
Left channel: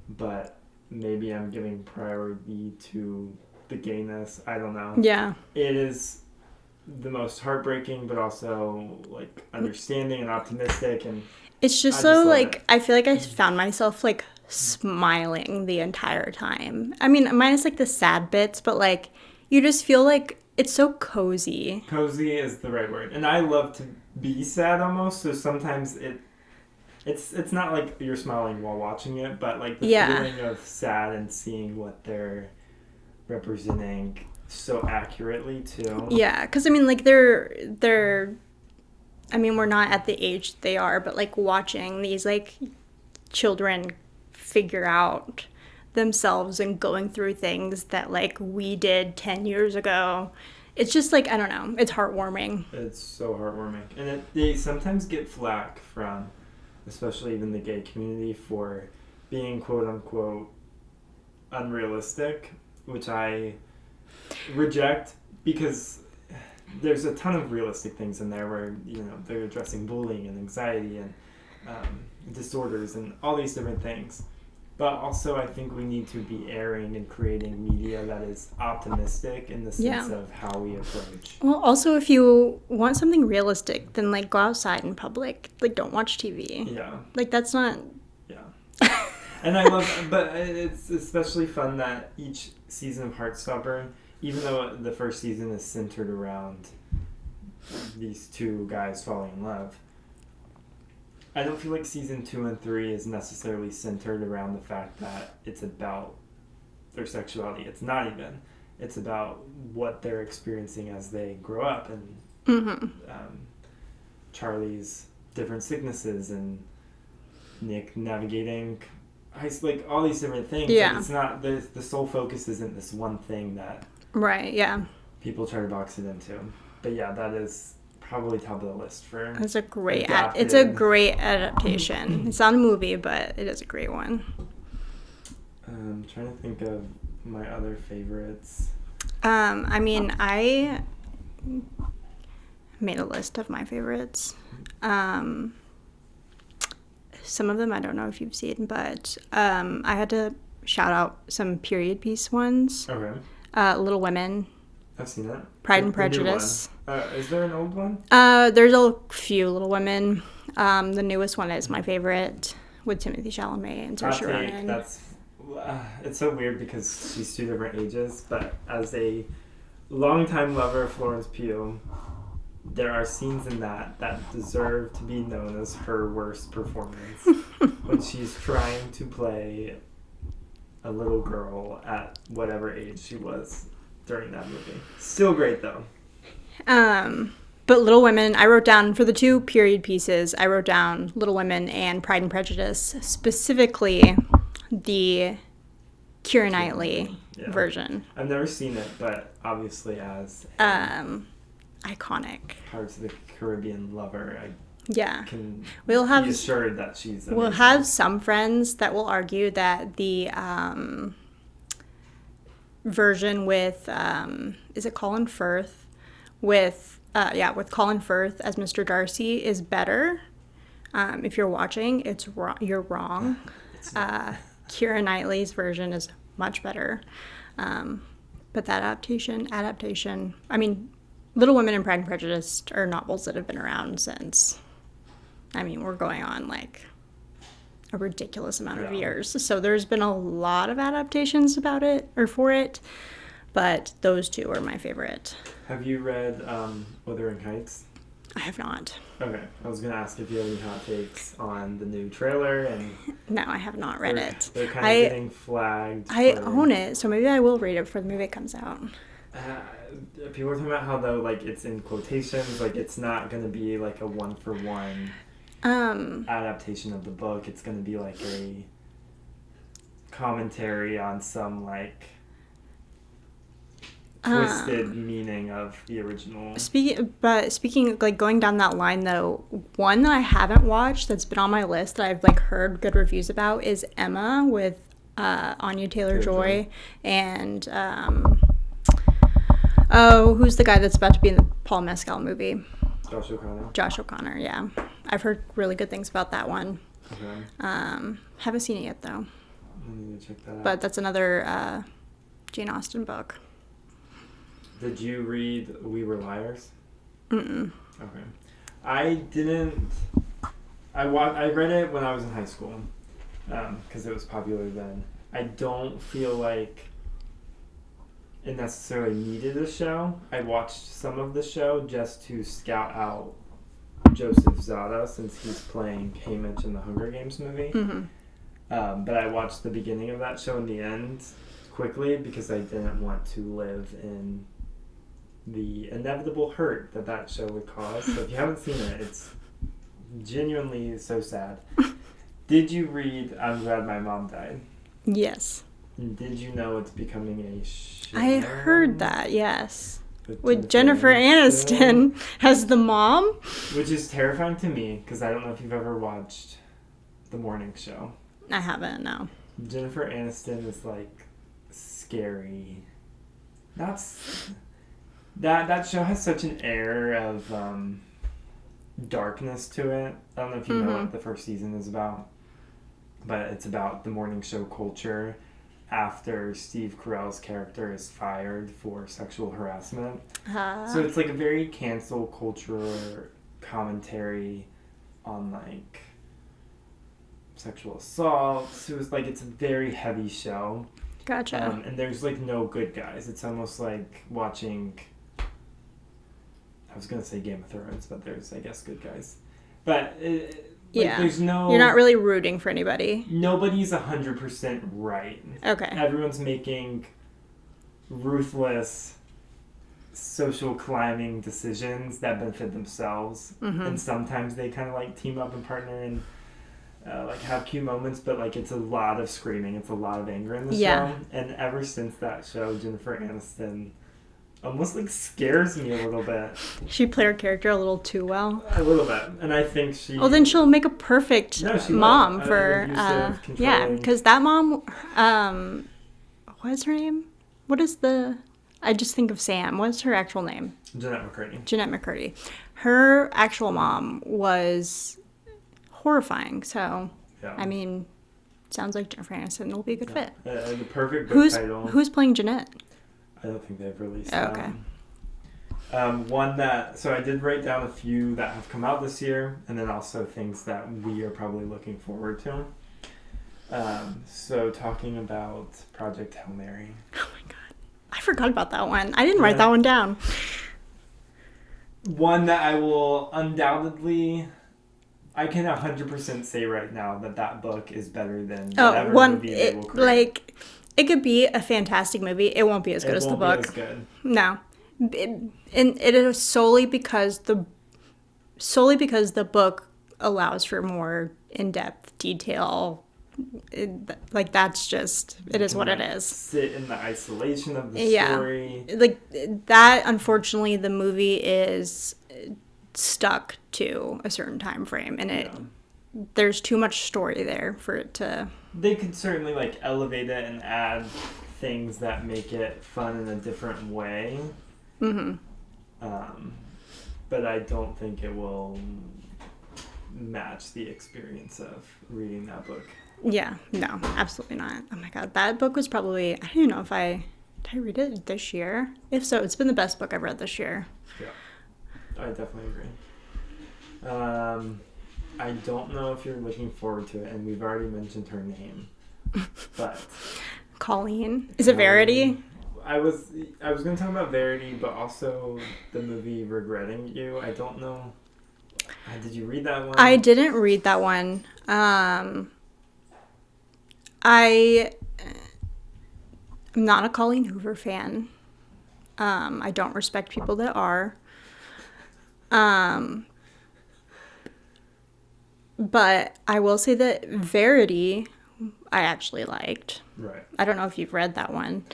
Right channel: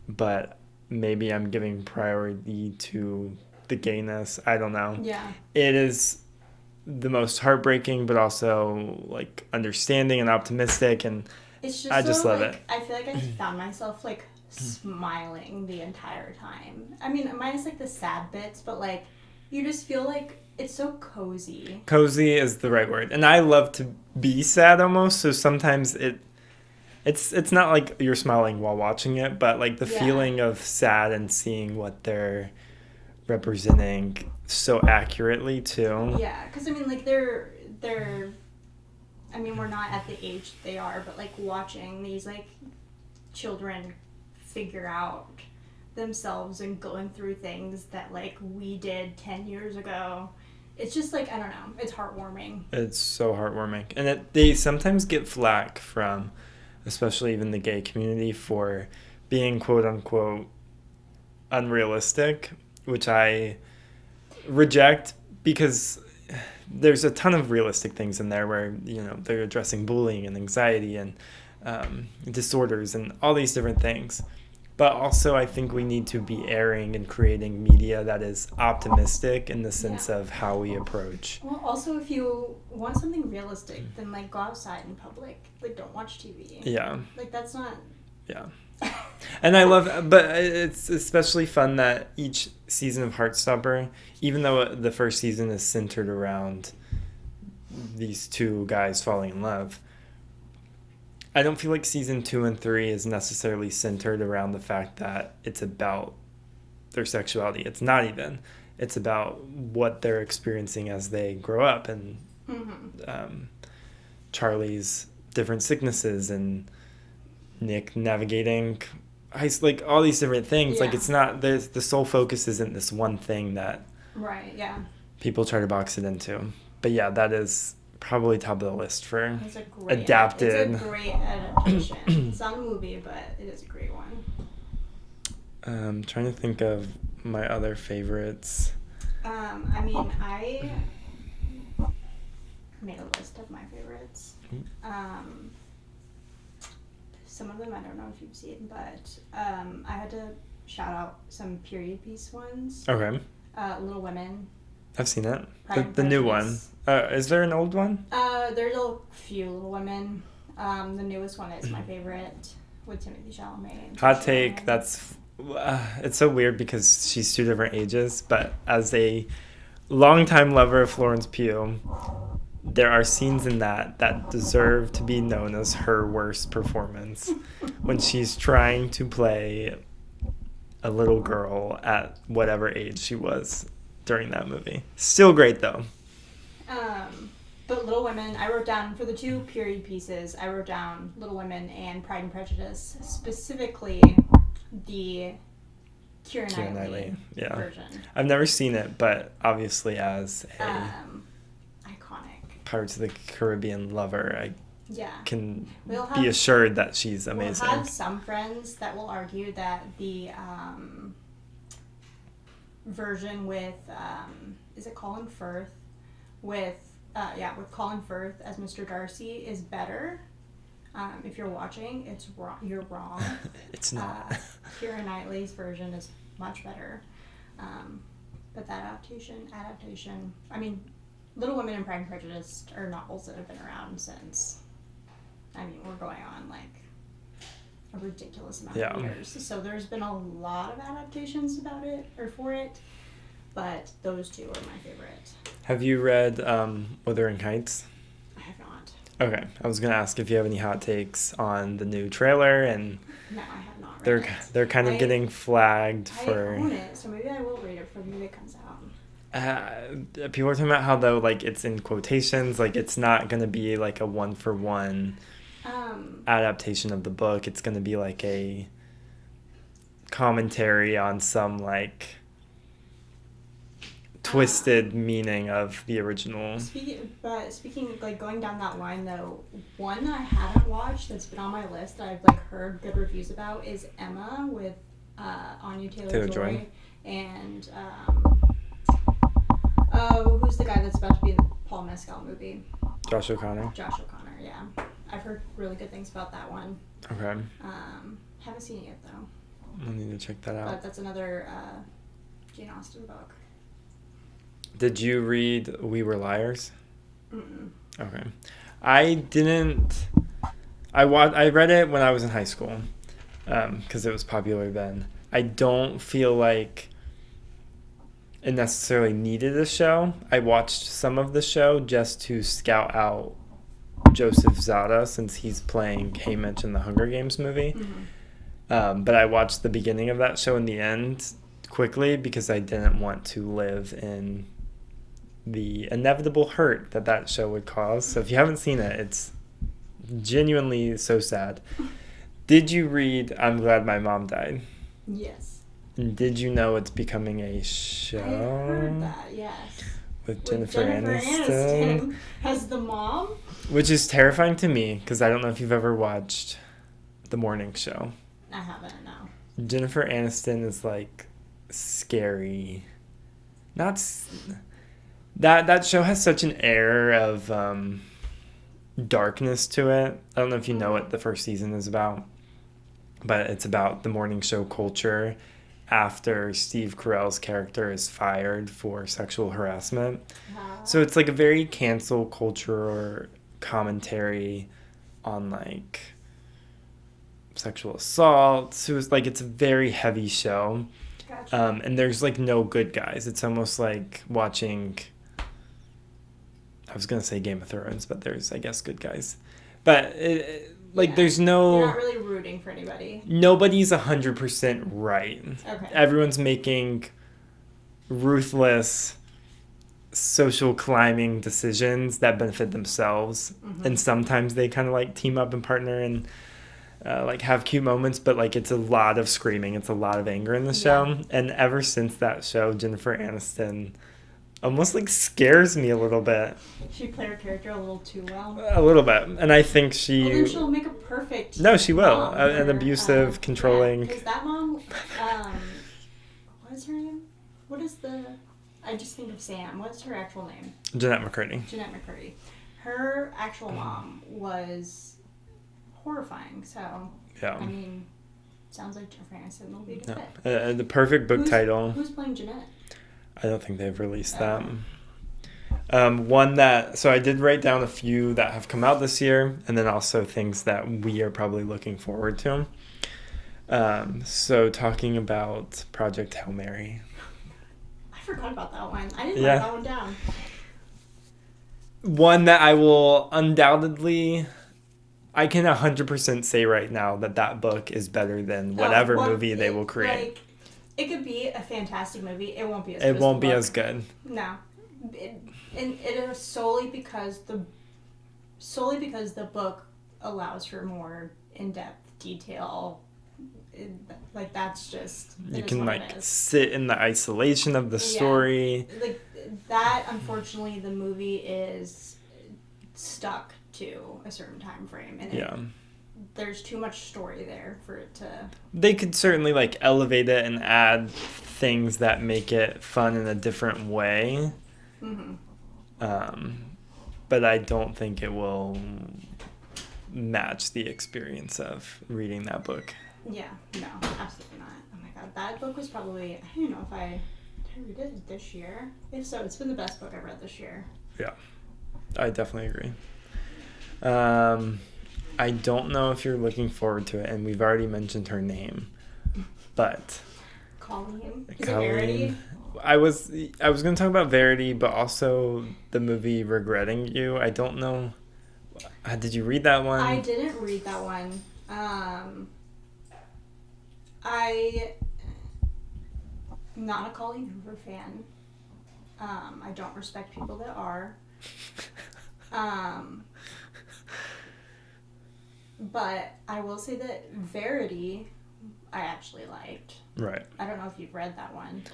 But maybe I'm giving priority to the gayness. I don't know. Yeah. It is the most heartbreaking, but also, like, understanding and optimistic. And it's just so, like, I feel like I found myself, like, smiling the entire time. I mean, minus, like, the sad bits, but, like, you just feel like it's so cozy. Cozy is the right word. And I love to be sad almost, so sometimes It's not like you're smiling while watching it, but like the feeling of sad and seeing what they're representing so accurately too. Yeah, because I mean, like they're I mean, we're not at the age they are, but like watching these like children figure out themselves and going through things that like we did 10 years ago. It's just like, I don't know, it's heartwarming. It's so heartwarming. And they sometimes get flack from, especially even the gay community, for being quote unquote unrealistic, which I reject, because there's a ton of realistic things in there where, you know, they're addressing bullying and anxiety and disorders and all these different things. But also I think we need to be airing and creating media that is optimistic in the sense of how we approach. Well, also if you want something realistic, then like go outside in public. Like don't watch TV. Yeah. Like that's not... Yeah. And I love, but it's especially fun that each season of Heartstopper, even though the first season is centered around these two guys falling in love, I don't feel like season 2 and 3 is necessarily centered around the fact that it's about their sexuality. It's not even. It's about what they're experiencing as they grow up, and Charlie's different sicknesses and Nick navigating like all these different things. Like it's not the sole focus isn't this one thing that people try to box it into. But yeah, that is probably top of the list for it's a great adaptation. It's not a movie, but it is a great one. I'm trying to think of my other favorites. I mean, I made a list of my favorites. Some of them I don't know if you've seen, but I had to shout out some period piece ones. Okay. Little Women. I've seen it. Pride and Prejudice. The new one. Is there an old one? There's a few Little Women. The newest one is my favorite, with Timothy Chalamet and Hot take. That's it's so weird because she's 2 different ages, but as a longtime lover of Florence Pugh, there are scenes in that deserve to be known as her worst performance when she's trying to play a little girl at whatever age she was during that movie. Still great though. But Little Women, I wrote down for the 2 period pieces, I wrote down Little Women and Pride and Prejudice, specifically the Keira Knightley version. I've never seen it, but obviously as iconic Pirates of the Caribbean lover, I can be assured that she's amazing. We'll have some friends that will argue that the version with is it Colin Firth with Colin Firth as Mr. Darcy is better. If you're watching, you're wrong. It's not. Keira Knightley's version is much better. But that adaptation, I mean, Little Women and Pride and Prejudice are novels that have been around since, I mean, we're going on like a ridiculous amount of years. So there's been a lot of adaptations about it, or for it, but those 2 are my favorite. Have you read Wuthering Heights? I have not. Okay. I was going to ask if you have any hot takes on the new trailer. And no, I have not read it. They're kind of getting flagged. I own it, so maybe I will read it before the movie comes out. People are talking about how, though, like, it's in quotations, like, it's not going to be, like, a one-for-one adaptation of the book. It's going to be, like, a commentary on some, like, twisted meaning of the original. Speaking, like, going down that line, though, one that I haven't watched that's been on my list that I've, like, heard good reviews about is Emma with Anya Taylor-Joy and... who's the guy that's about to be in the Paul Mescal movie? Josh O'Connor, yeah. I've heard really good things about that one. Okay. Haven't seen it yet, though. I need to check that out. But that's another Jane Austen book. Did you read We Were Liars? Mm-mm. Okay. I didn't... I read it when I was in high school because it was popular then. I don't feel like it necessarily needed a show. I watched some of the show just to scout out Joseph Zada, since he's playing Haymitch in the Hunger Games movie. But I watched the beginning of that show and the end quickly because I didn't want to live in the inevitable hurt that show would cause. So if you haven't seen it, it's genuinely so sad. Did you read I'm Glad My Mom Died? Yes. Did you know it's becoming a show? I heard that, yes. With Jennifer Aniston as the mom. Which is terrifying to me because I don't know if you've ever watched The Morning Show. I haven't, no. Jennifer Aniston is like scary. That show has such an air of darkness to it. I don't know if you know what the first season is about, but it's about the morning show culture after Steve Carell's character is fired for sexual harassment. So it's like a very cancel culture commentary on like sexual assault. It was like, it's a very heavy show. Gotcha. And there's like no good guys. It's almost like watching, I was going to say Game of Thrones, but there's, I guess, good guys. But there's no... You're not really rooting for anybody. Nobody's 100% right. Okay. Everyone's making ruthless social climbing decisions that benefit themselves. And sometimes they kind of like team up and partner and like have cute moments, but like it's a lot of screaming. It's a lot of anger in the show. And ever since that show, Jennifer Aniston almost like scares me a little bit. She played her character a little too well. A little bit. And I think she... Well, then she'll make a perfect mom will. for... An abusive, controlling... Yeah, because that mom... what is her name? What is the... I just think of Sam. What's her actual name? Jeanette McCurdy. Her actual mom was horrifying. So, yeah. I mean, sounds like Jennifer Aniston will be a good fit. The perfect book title. Who's playing Jeanette? I don't think they've released that. Okay. One that... So I did write down a few that have come out this year, and then also things that we are probably looking forward to. So talking about Project Hail Mary. Oh my god. I forgot about that one. I didn't write that one down. One that I will undoubtedly... I can 100% say right now that book is better than whatever movie they will create. Like... It could be a fantastic movie. It won't be as good as the book. It won't be as good. No. And it is solely because the book allows for more in-depth detail. That's just... It is what it is. Sit in the isolation of the story. Like, that, unfortunately, the movie is stuck to a certain time frame. And there's too much story there for it to... They could certainly like elevate it and add things that make it fun in a different way. But I don't think it will match the experience of reading that book. Yeah, no, absolutely not. Oh my god, that book was probably... I don't even know if did I read it this year? If so, it's been the best book I've read this year. Yeah, I definitely agree. I don't know if you're looking forward to it, and we've already mentioned her name, but... Colleen. Is it Verity? I was going to talk about Verity, but also the movie Regretting You. I don't know. Did you read that one? I didn't read that one. I'm not a Colleen Hoover fan. I don't respect people that are. But I will say that Verity, I actually liked. Right. I don't know if you've read that one.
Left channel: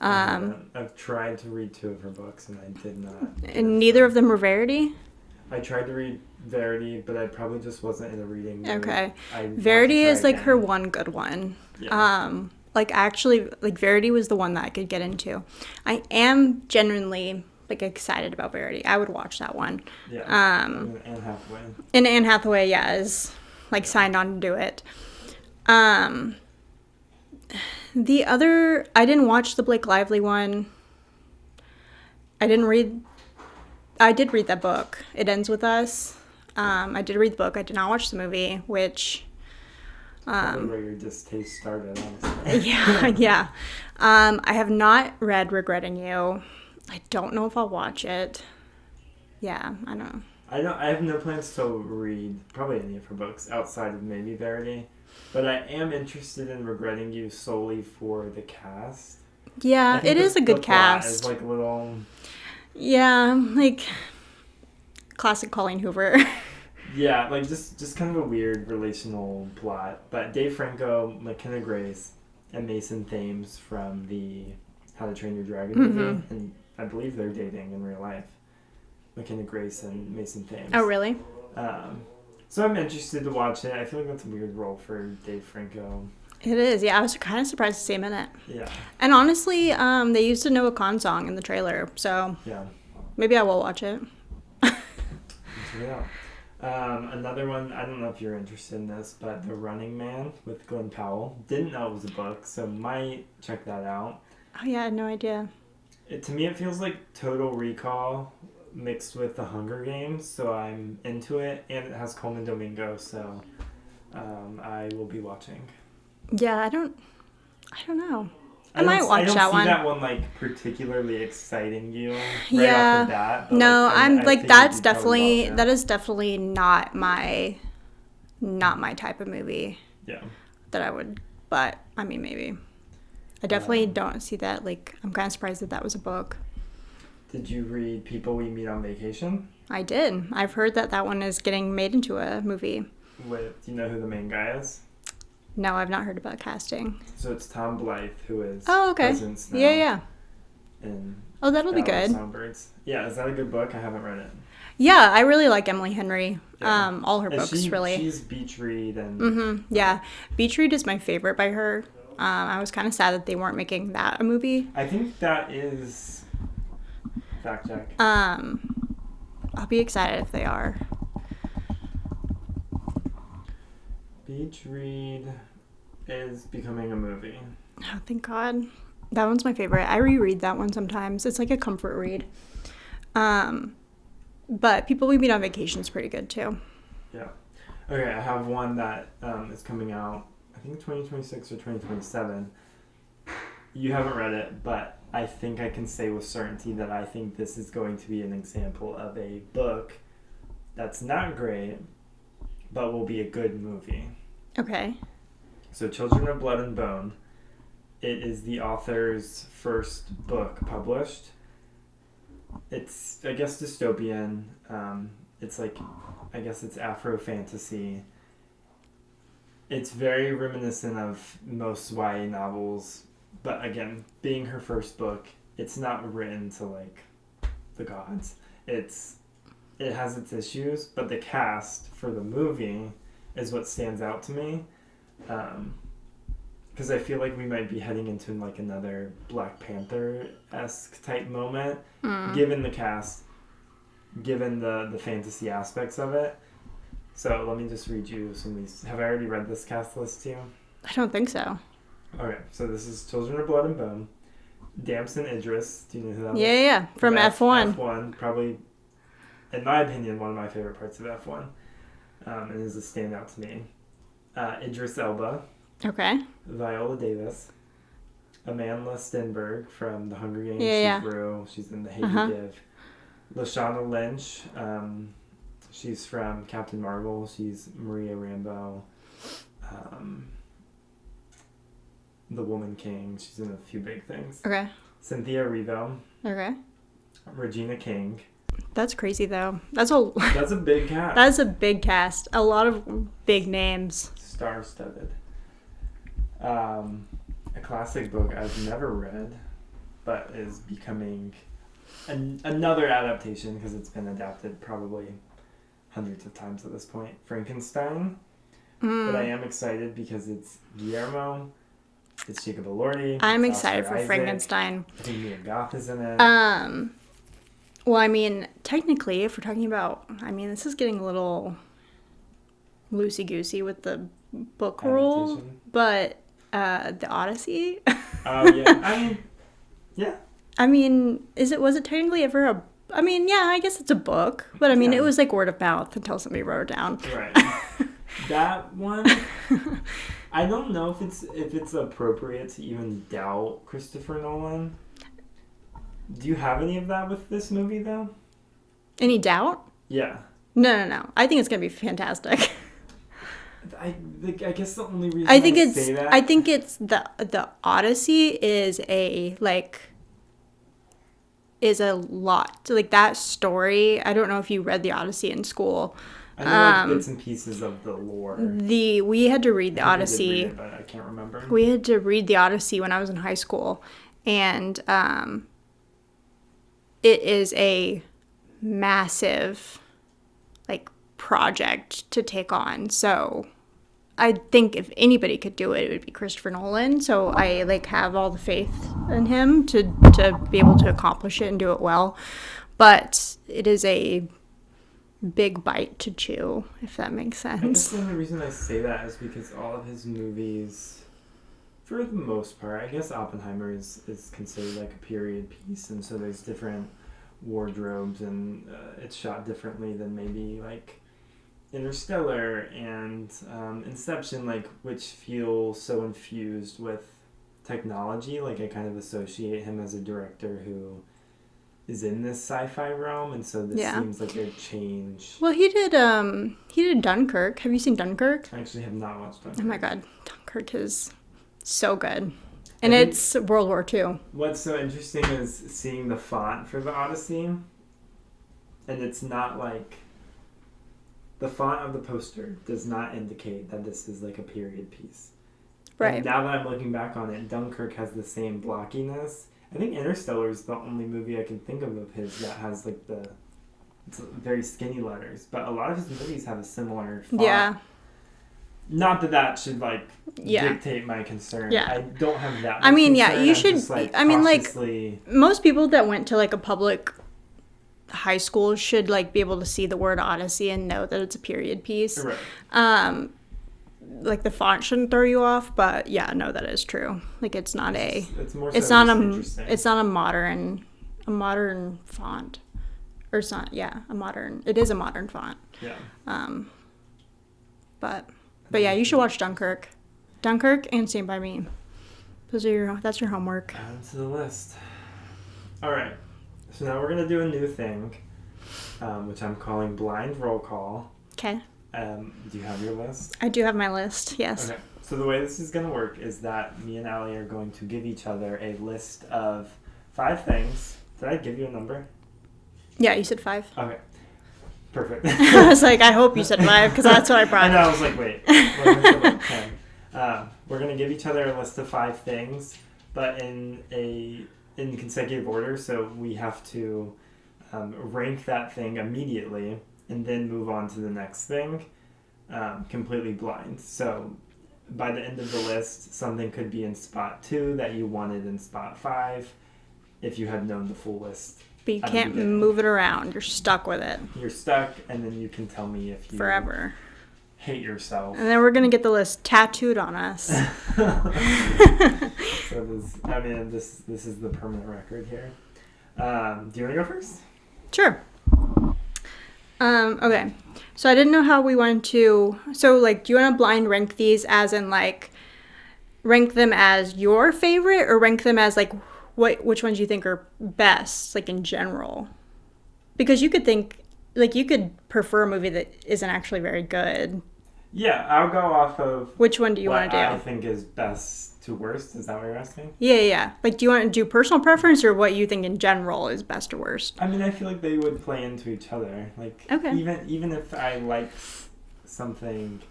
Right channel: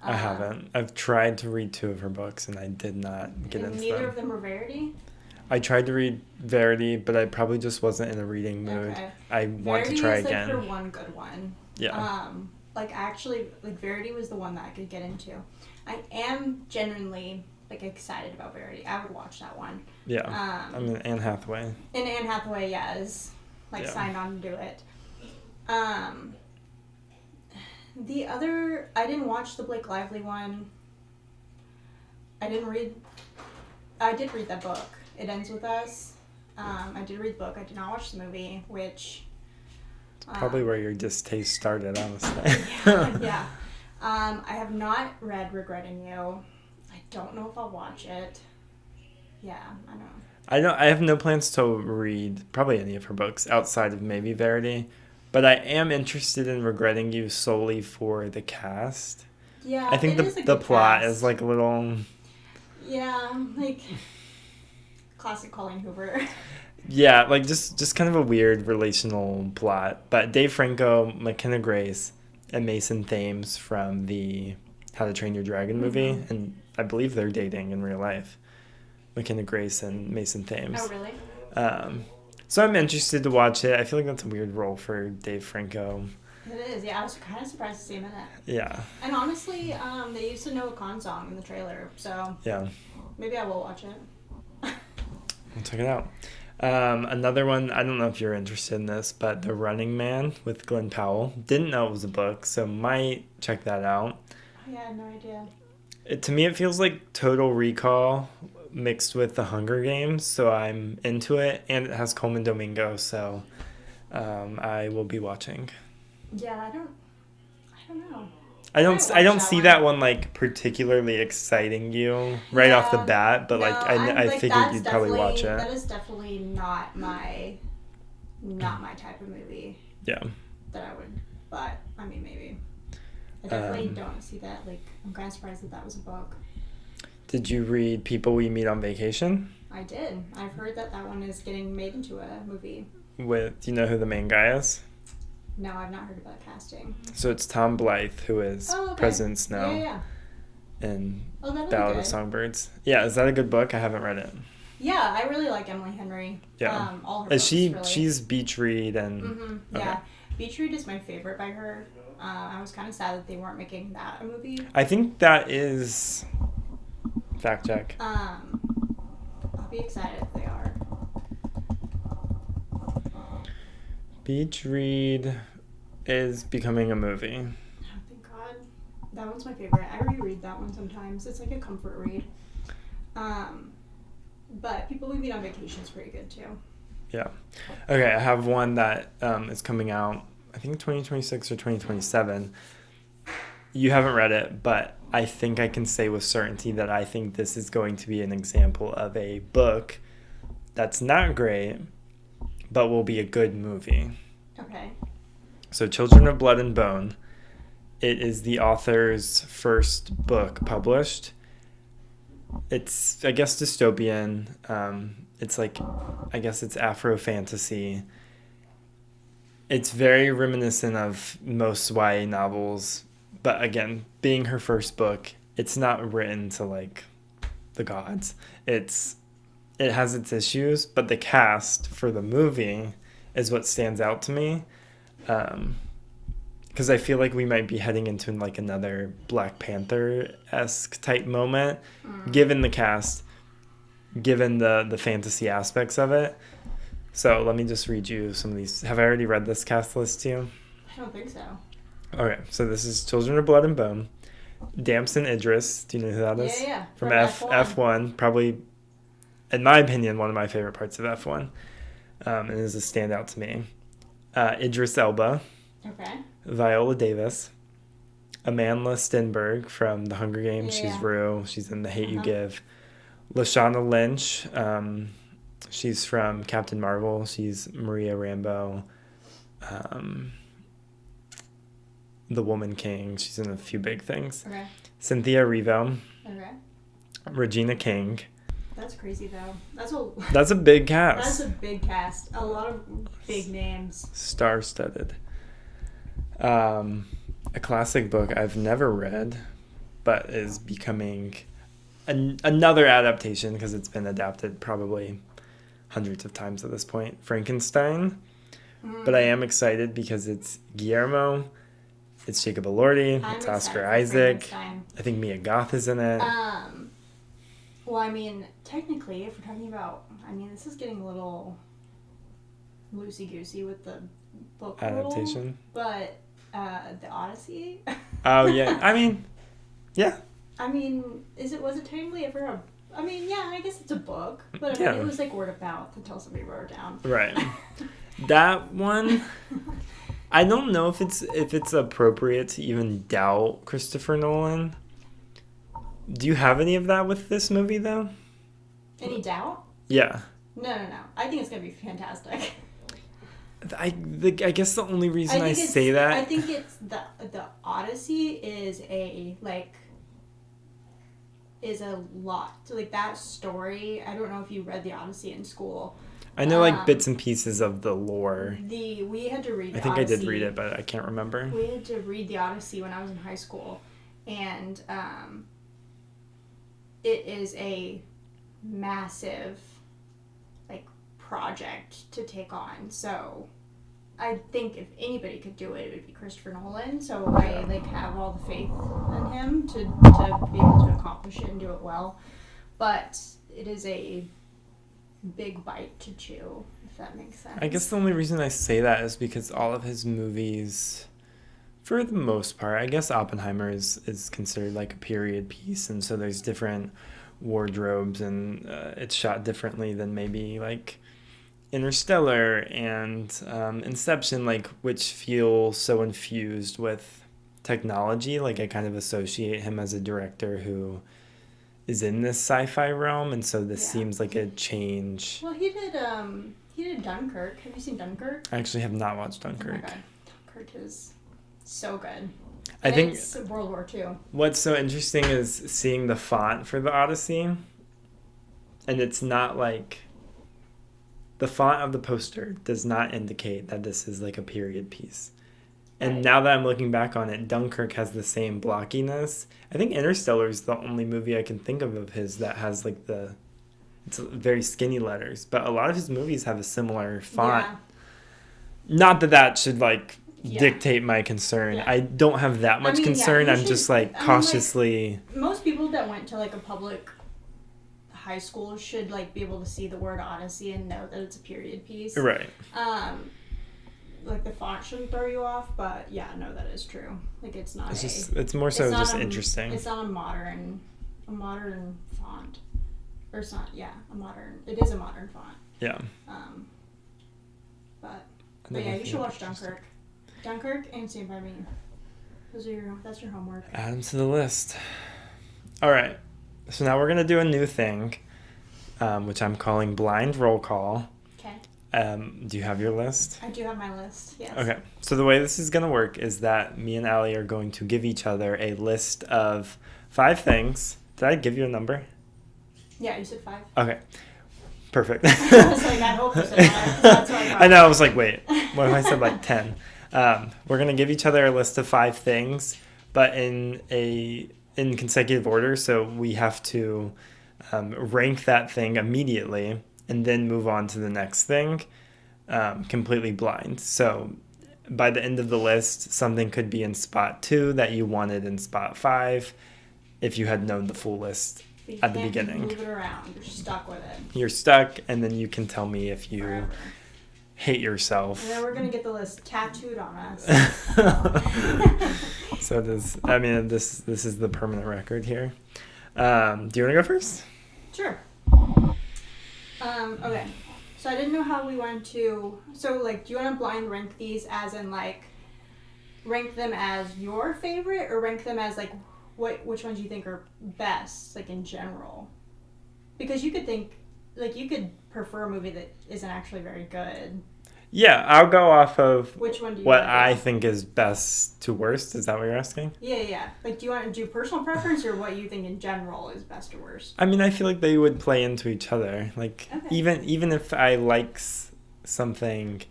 I haven't. I've tried to read 2 of her books, and I did not. And neither of them were Verity? I tried to read Verity, but I probably just wasn't in a reading mood. Okay. Verity is like her one good one. Yeah. Verity was the one that I could get into. I am genuinely... excited about Verity. I would watch that one. Yeah. Anne Hathaway. And Anne Hathaway, is signed on to do it. The other, I didn't watch the Blake Lively one. I did read that book. It Ends With Us. I did read the book. I did not watch the movie, which... probably where your distaste started, honestly. Yeah. I have not read Regretting You. I don't know if I'll watch it. Yeah, I don't know. I have no plans to read probably any of her books outside of maybe Verity, but I am interested in Regretting You solely for the cast. Yeah, I think it is a good the plot cast. is like a little. Yeah, like classic Colleen Hoover. Yeah, like just kind of a weird relational plot. But Dave Franco, McKenna Grace, and Mason Thames from the How to Train Your Dragon movie, and I believe they're dating in real life. McKenna Grace and Mason Thames. Oh, really? So I'm interested to watch it. I feel like that's a weird role for Dave Franco. It is. Yeah, I was kind of surprised to see him in it. Yeah. And honestly, they used a Noah Khan song in the trailer, so Yeah. maybe I will watch it. I'll check it out. Another one, I don't know if you're interested in this, but The Running Man with Glenn Powell. Didn't know it was a book, so might check that out. Oh, yeah, I had no idea. To me, it feels like Total Recall mixed with The Hunger Games, so I'm into it, and it has Coleman Domingo, so I will be watching. Yeah, I don't know. I don't see one. that one like particularly exciting you right off the bat, but no, I figured that's you'd definitely watch it. that is definitely not my type of movie. Yeah. That I would, but I mean maybe. I definitely don't see that. Like, I'm kind of surprised that was a book. Did you read People We Meet on Vacation? I did. I've heard that one is getting made into a movie. Do you know who the main guy is? No, I've not heard about casting. So it's Tom Blythe, who is President Snow. Yeah. And that'll be Ballad of good. Songbirds. Yeah, is that a good book? I haven't read it. Yeah, I really like Emily Henry. Yeah. All her books, really. She's Beach Read and... Yeah. Beach Read is my favorite by her. I was kind of sad that they weren't making that a movie. I think that is... Fact check. I'll be excited if they are. Beach Read is becoming a movie. Oh, thank God. That one's my favorite. I reread that one sometimes. It's like a comfort read. But People We Meet on Vacation is pretty good too. Yeah. Okay, I have one that is coming out, I think 2026 or 2027. You haven't read it, but I think I can say with certainty that I think this is going to be an example of a book that's not great, but will be a good movie. Okay. So Children of Blood and Bone. It is the author's first book published. It's, I guess, dystopian. It's like, I guess it's Afro fantasy. It's very reminiscent of most YA novels. But again, being her first book, it's not written to like the gods. It has its issues, but the cast for the movie is what stands out to me. Because I feel like we might be heading into like another Black Panther-esque type moment, given the cast, given the fantasy aspects of it. So let me just read you some of these. Have I already read this cast list to you? I don't think so. Okay, so this is Children of Blood and Bone. Damson Idris, do you know who that is? Yeah, from F1. F1, probably, in my opinion, one of my favorite parts of F1, and is a standout to me. Idris Elba. Okay. Viola Davis. Amandla Stenberg from The Hunger Games. She's Rue. She's in The Hate You Give. Lashana Lynch. She's from Captain Marvel. She's Maria Rambeau. The Woman King. She's in a few big things. Okay. Cynthia Erivo. Okay. Regina King. That's crazy, though. That's a big cast. That's a big cast. A lot of big names. Star-studded. A classic book I've never read, but is becoming another adaptation because it's been adapted probably hundreds of times at this point. Frankenstein. But I am excited because it's Guillermo. It's Jacob Elordi. I'm it's excited Oscar for Isaac. Frankenstein. I think Mia Goth is in it. Well, I mean, technically, if we're talking about, this is getting a little loosey-goosey with the book rule, but the Odyssey. Oh yeah, yeah. Was it technically ever a? I guess it's a book, but it was like word of mouth until somebody wrote it down. Right. That one, I don't know if it's appropriate to even doubt Christopher Nolan. Do you have any of that with this movie, though? Any doubt? Yeah. No. I think it's gonna be fantastic. I guess the only reason I think say that... I think it's the Odyssey is a lot. So, like, that story, I don't know if you read the Odyssey in school. I know, like, bits and pieces of the lore. We had to read the Odyssey. I did read it, but I can't remember. We had to read the Odyssey when I was in high school. And it is a massive, like, project to take on. So I think if anybody could do it, it would be Christopher Nolan. So I, like, have all the faith in him to be able to accomplish it and do it well. But it is a big bite to chew, if that makes sense. I guess the only reason I say that is because all of his movies, for the most part, I guess Oppenheimer is considered like a period piece, and so there's different wardrobes, and it's shot differently than maybe like Interstellar and Inception, like, which feel so infused with technology. Like, I kind of associate him as a director who is in this sci-fi realm, and so this seems like a change. Well, he did Dunkirk. Have you seen Dunkirk? I actually have not watched Dunkirk. Oh my god, Dunkirk is so good. And it's World War II. What's so interesting is seeing the font for the Odyssey, and it's not like... The font of the poster does not indicate that this is like a period piece. Right. And now that I'm looking back on it, Dunkirk has the same blockiness. I think Interstellar is the only movie I can think of his that has like it's very skinny letters. But a lot of his movies have a similar font. Yeah. Not that should like dictate my concern. Yeah. I don't have that much concern. I'm just like cautiously... Like, most people that went to like a public high school should like be able to see the word Odyssey and know that it's a period piece. Right. Like, the font shouldn't throw you off, but yeah, no, that is true. Like, it's not it's more so just interesting. It's not a modern font. Or it's not, it is a modern font. Yeah. But yeah, you should watch Dunkirk. Dunkirk and Stand By Me. That's your homework. Add them to the list. All right. So now we're going to do a new thing, which I'm calling blind roll call. Okay. Do you have your list? I do have my list, yes. Okay. So the way this is going to work is that me and Allie are going to give each other a list of 5 things. Did I give you a number? Yeah, you said 5. Okay. Perfect. I was like, I hope you said 5, because that's what I brought. I know, I was like, wait, what if I said like 10? We're going to give each other a list of 5 things, but in consecutive order, so we have to rank that thing immediately and then move on to the next thing completely blind. So by the end of the list, something could be in spot 2 that you wanted in spot 5 if you had known the full list. But you can't move it around. You're stuck with it. You're stuck, and then you can tell me if you forever hate yourself. And then we're going to get the list tattooed on us. So this is the permanent record here. Do you want to go first? Sure. Okay. So I didn't know how we wanted to... So, like, do you want to blind rank these as in, like, rank them as your favorite, or rank them as, like, which ones you think are best, like, in general? Because you could think... Like, you could prefer a movie that isn't actually very good. Yeah, I'll go off of... Which one do you want to do? What I think is best to worst. Is that what you're asking? Yeah. Like, do you want to do personal preference, or what you think in general is best to worst? I mean, I feel like they would play into each other. Like, okay. Even if I like something,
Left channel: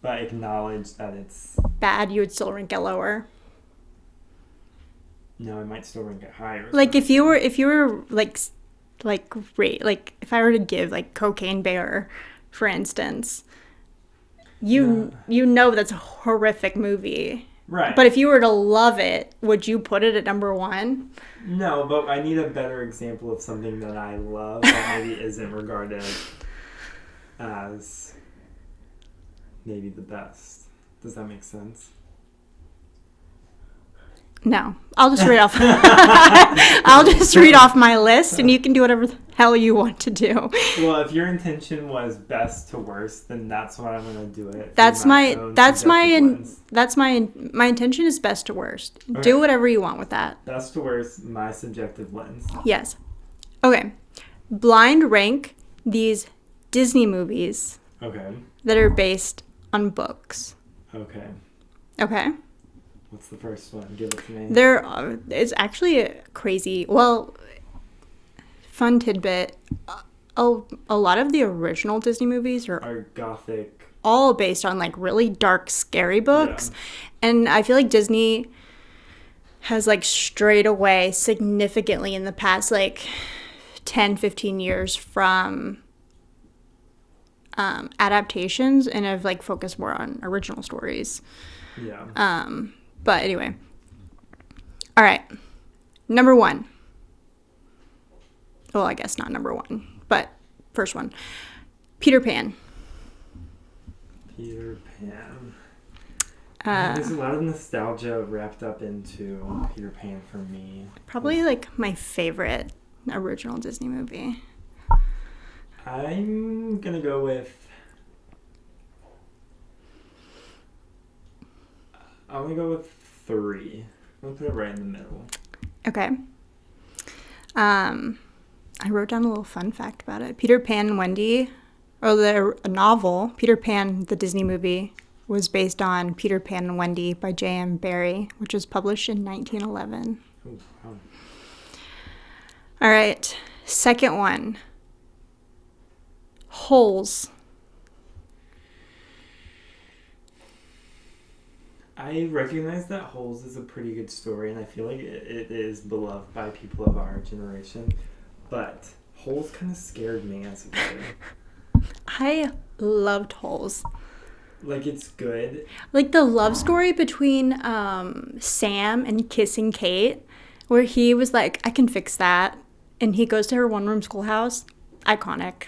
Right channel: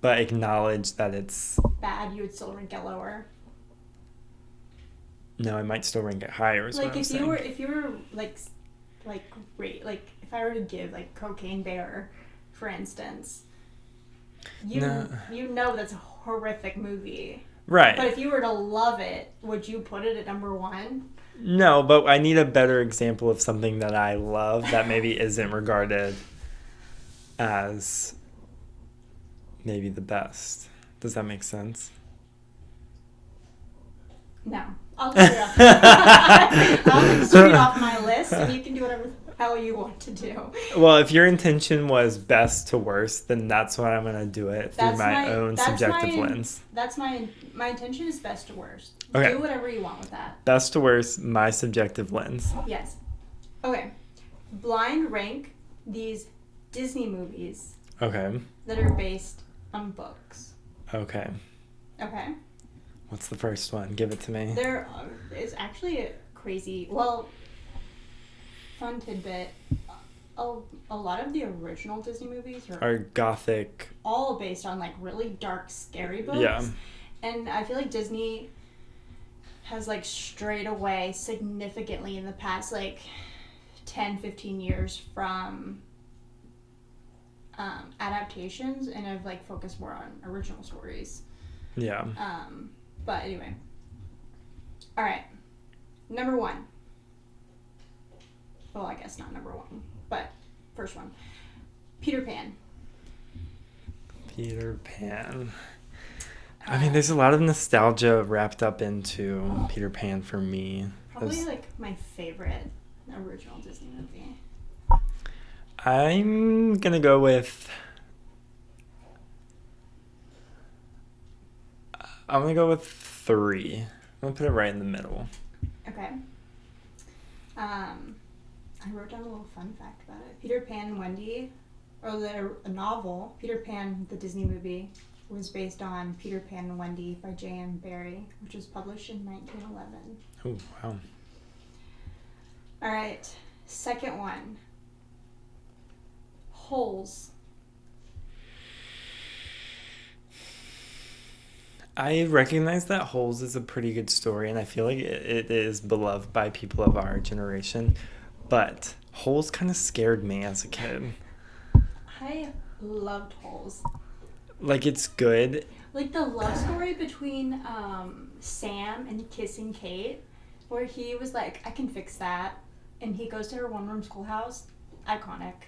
but acknowledge that it's... bad, you would still rank it lower? No, I might still rank it higher. Like, if you were, like, if I were to give, like, Cocaine Bear, for instance... You know that's a horrific movie. Right. But if you were to love it, would you put it at number 1? No, but I need a better example of something that I love that maybe isn't regarded as maybe the best. Does that make sense? No. I'll just read off I'll just read off my list, and you can do whatever the hell you want to do. Well, if your intention was best to worst, then that's what I'm going to do it. That's my intention is best to worst. Okay. Do whatever you want with that. Best to worst, my subjective lens. Yes. Okay. Blind rank these Disney movies Okay. that are based on books. Okay. Okay. What's the first one? Give it to me. It's actually a crazy. Well, fun tidbit. A lot of the original Disney movies Are gothic. all based on like really dark, scary books, Yeah. and I feel like Disney has like strayed away significantly in the past like 10-15 years from adaptations and have like focused more on original stories. Yeah. But anyway, all right, number one. Well, I guess not number one, but first one. Peter Pan. Peter Pan. I mean, there's a lot of nostalgia wrapped up into Peter Pan for me. Probably like my favorite original Disney movie. I'm gonna go with. I'm gonna go with 3. I'm gonna put it right in the middle. Okay. I wrote down a little fun fact about it. Peter Pan and Wendy, or the novel, Peter Pan, the Disney movie, was based on Peter Pan and Wendy by J.M. Barrie, which was published in 1911. Oh, wow. All right. Second one. Holes. I recognize that Holes is a pretty good story, and I feel like it is beloved by people of our generation. But Holes kind of scared me as a kid. I loved Holes. Like, it's good. Like the love story between Sam and Kissing Kate, where he was like, I can fix that. And he goes to her one-room schoolhouse. Iconic.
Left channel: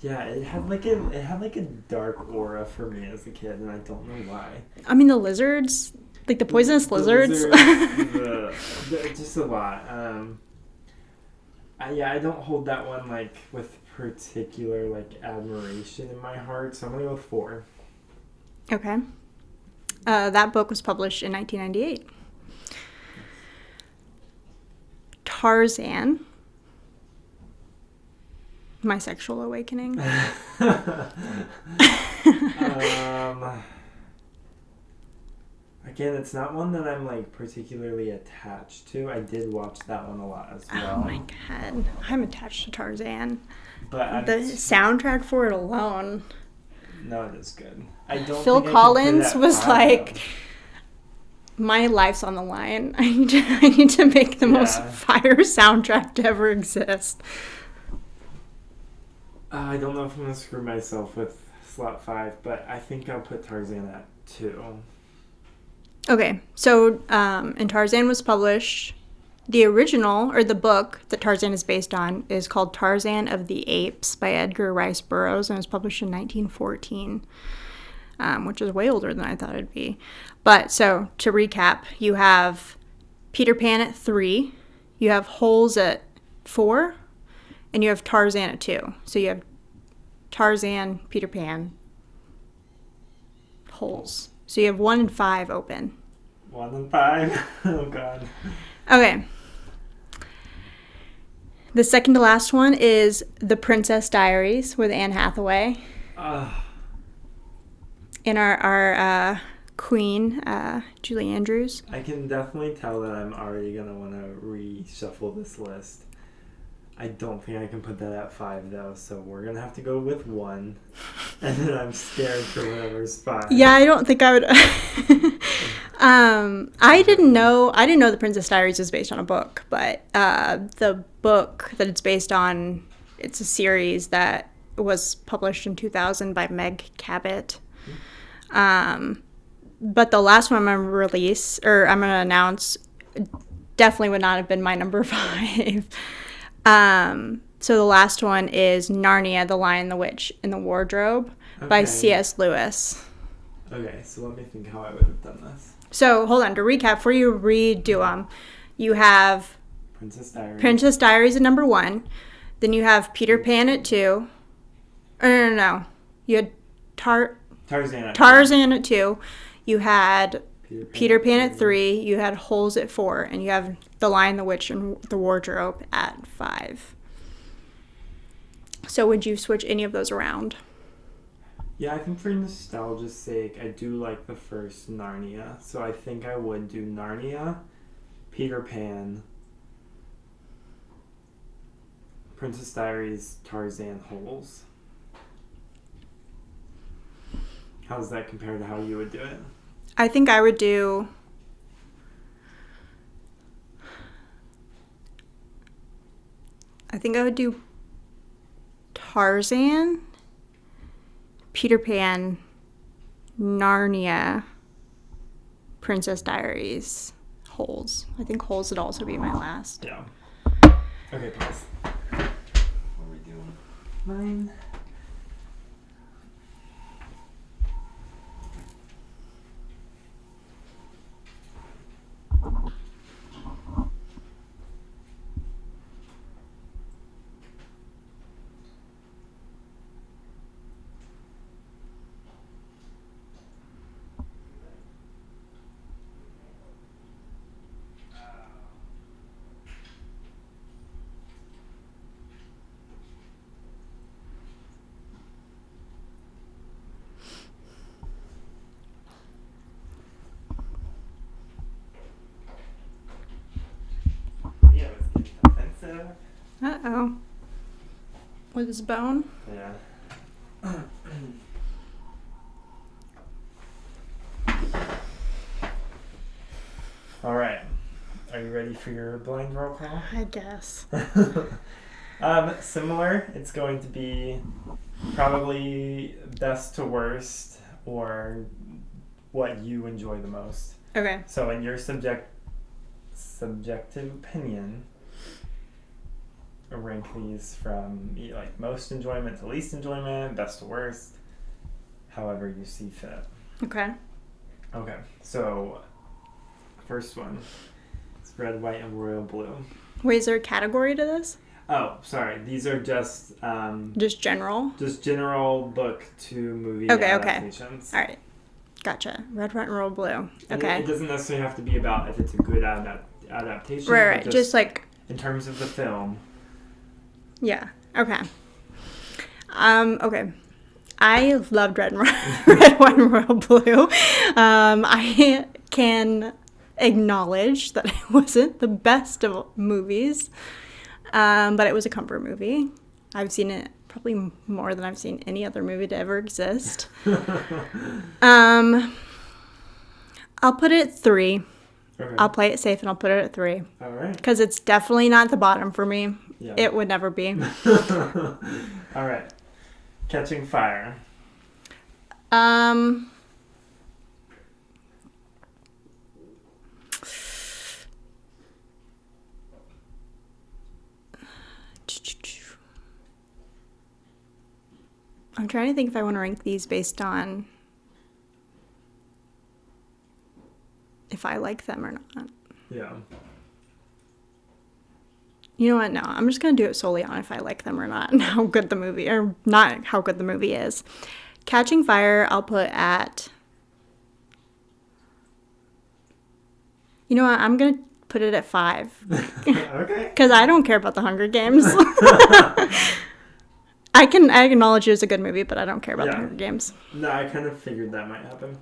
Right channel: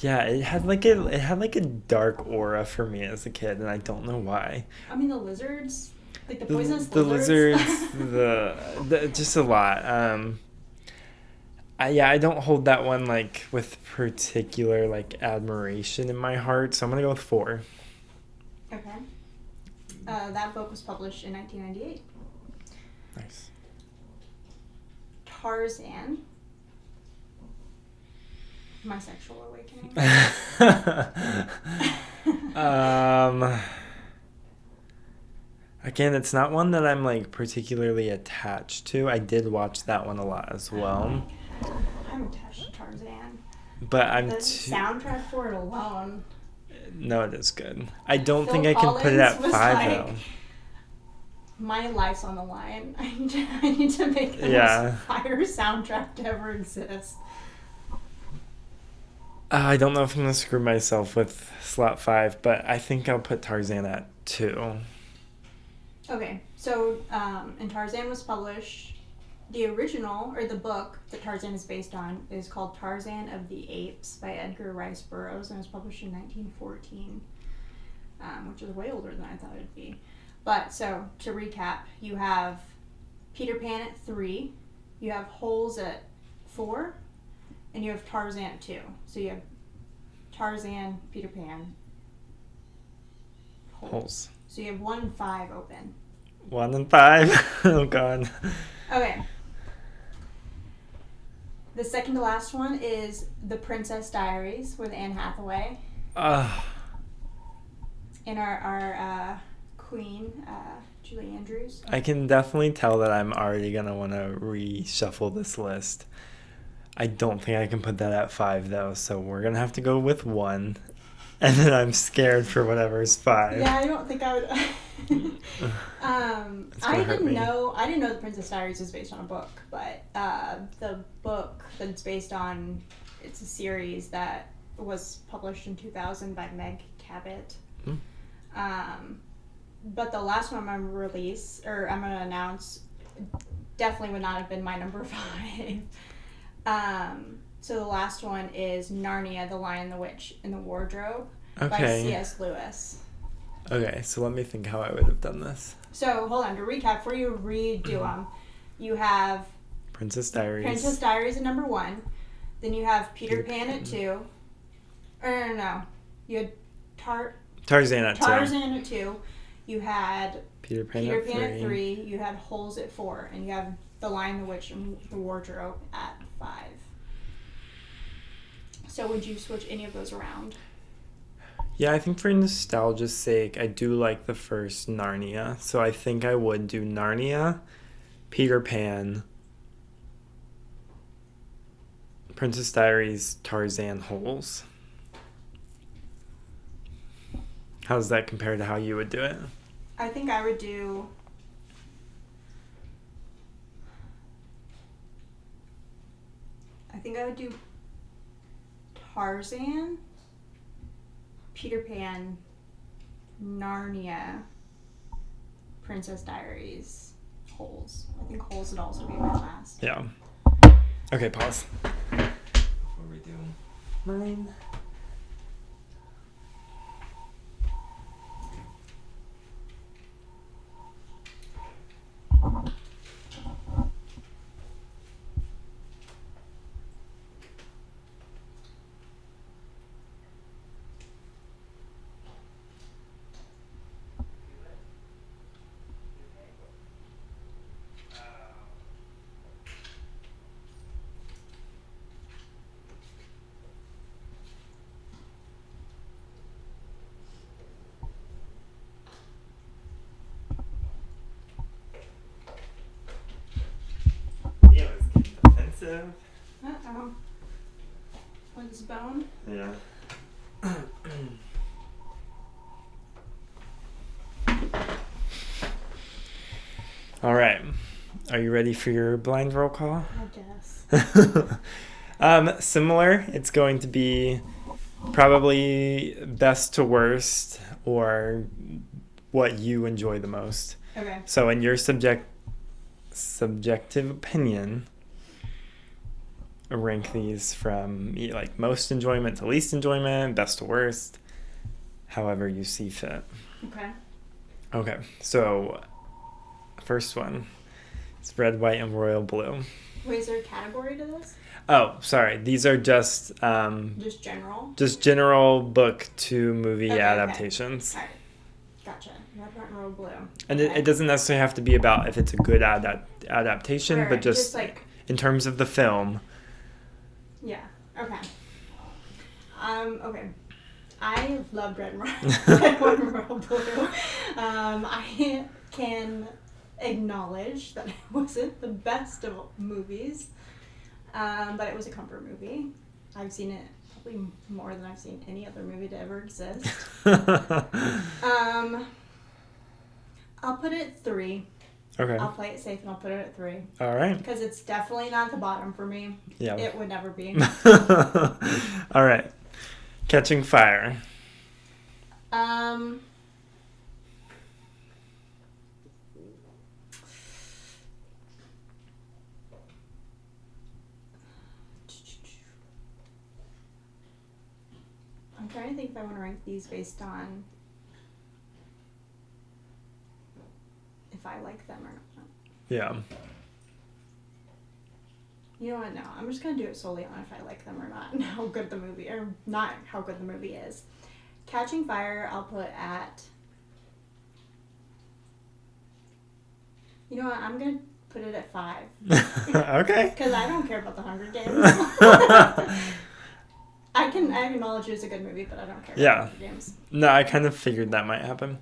Yeah, it had like a dark aura for me as a kid, and I don't know why. I mean, the lizards, like the poisonous lizards. Just a lot. I don't hold that one like with particular like admiration in my heart, so I'm gonna go with 4. Okay. That book was published in 1998. Nice. Tarzan. My Sexual Awakening. Again, it's not one that I'm like particularly attached to. I did watch that one a lot as well. Oh my god, I'm attached to Tarzan. But I'm the soundtrack for it alone. No, it is good. I don't Phil think Collins I can put it at was 5, like, though. My life's on the line. I need to make the most fire soundtrack to ever exist. I don't know if I'm going to screw myself with slot 5, but I think I'll put Tarzan at 2. Okay, so and Tarzan was published. The original, or the book that Tarzan is based on, is called Tarzan of the Apes by Edgar Rice Burroughs, and was published in 1914, which is way older than I thought it'd be. But, so, to recap, you have Peter Pan at 3, you have Holes at 4, and you have Tarzan at 2. So you have Tarzan, Peter Pan, Holes. So you have 1 and 5 open. 1 and 5? Oh, God. Okay. The second to last one is The Princess Diaries with Anne Hathaway. And our queen, Julie Andrews. I can definitely tell that I'm already going to want to reshuffle this list. I don't think I can put that at 5, though, so we're going to have to go with 1. And then I'm scared for whatever's 5. Yeah, I don't think I would... I didn't know The Princess Diaries is based on a book, but the book that it's based on, it's a series that was published in 2000 by Meg Cabot. But the last one I'm going to announce, definitely would not have been my number 5. So the last one is Narnia, The Lion, the Witch, and the Wardrobe by C.S. Lewis. Okay, so let me think how I would have done this. So, hold on. To recap, before you redo them, you have Princess Diaries. Princess Diaries at number 1. Then you have Peter Pan at 2. No. You had Tarzan at 2. Tarzan at 2. You had Peter Pan at 3. You had Holes at 4. And you have The Lion, the Witch, and the Wardrobe at 5. So would you switch any of those around? Yeah, I think for nostalgia's sake, I do like the first Narnia. So I think I would do Narnia, Peter Pan, Princess Diaries, Tarzan, Holes. How does that compare to how you would do it? I think I would do... I think I would do Tarzan, Peter Pan, Narnia, Princess Diaries, Holes. I think Holes would also be my last. Yeah. Okay, pause. Before we do mine. Yeah, it's getting defensive. Uh-oh. With his bone? Yeah. All right. Are you ready for your blind roll call? I guess. Similar. It's going to be probably best to worst or what you enjoy the most. Okay. So in your subjective opinion, rank these from like most enjoyment to least enjoyment, best to worst, however you see fit. Okay. Okay, so first one, it's red, white, and royal blue. Wait, is there a category to this? Oh, sorry. These are just General? just general book to movie Okay, adaptations. All right. Gotcha. Red, white, and royal blue. And okay. it doesn't necessarily have to be about if it's a good adaptation, Right, but just like... in terms of the film. Yeah. Okay. Okay. I loved Red, Red, White, and Royal Blue. I can acknowledge that it wasn't the best of movies, but it was a comfort movie. I've seen it probably more than I've seen any other movie to ever exist. I'll put it at 3. Okay. I'll play it safe and I'll put it at 3. All right. Because it's definitely not the bottom for me. Yeah. It would never be. All right. Catching Fire. I'm trying to think if I want to rank these based on if I like them or not. Yeah. You know what? No, I'm just going to do it solely on if I like them or not and how good the movie, or not how good the movie is. Catching Fire, I'll put at... You know what? I'm going to put it at 5. Okay. Because I don't care about the Hunger Games. I acknowledge it as a good movie, but I don't care about the Hunger Games. No, I kind of figured that might happen.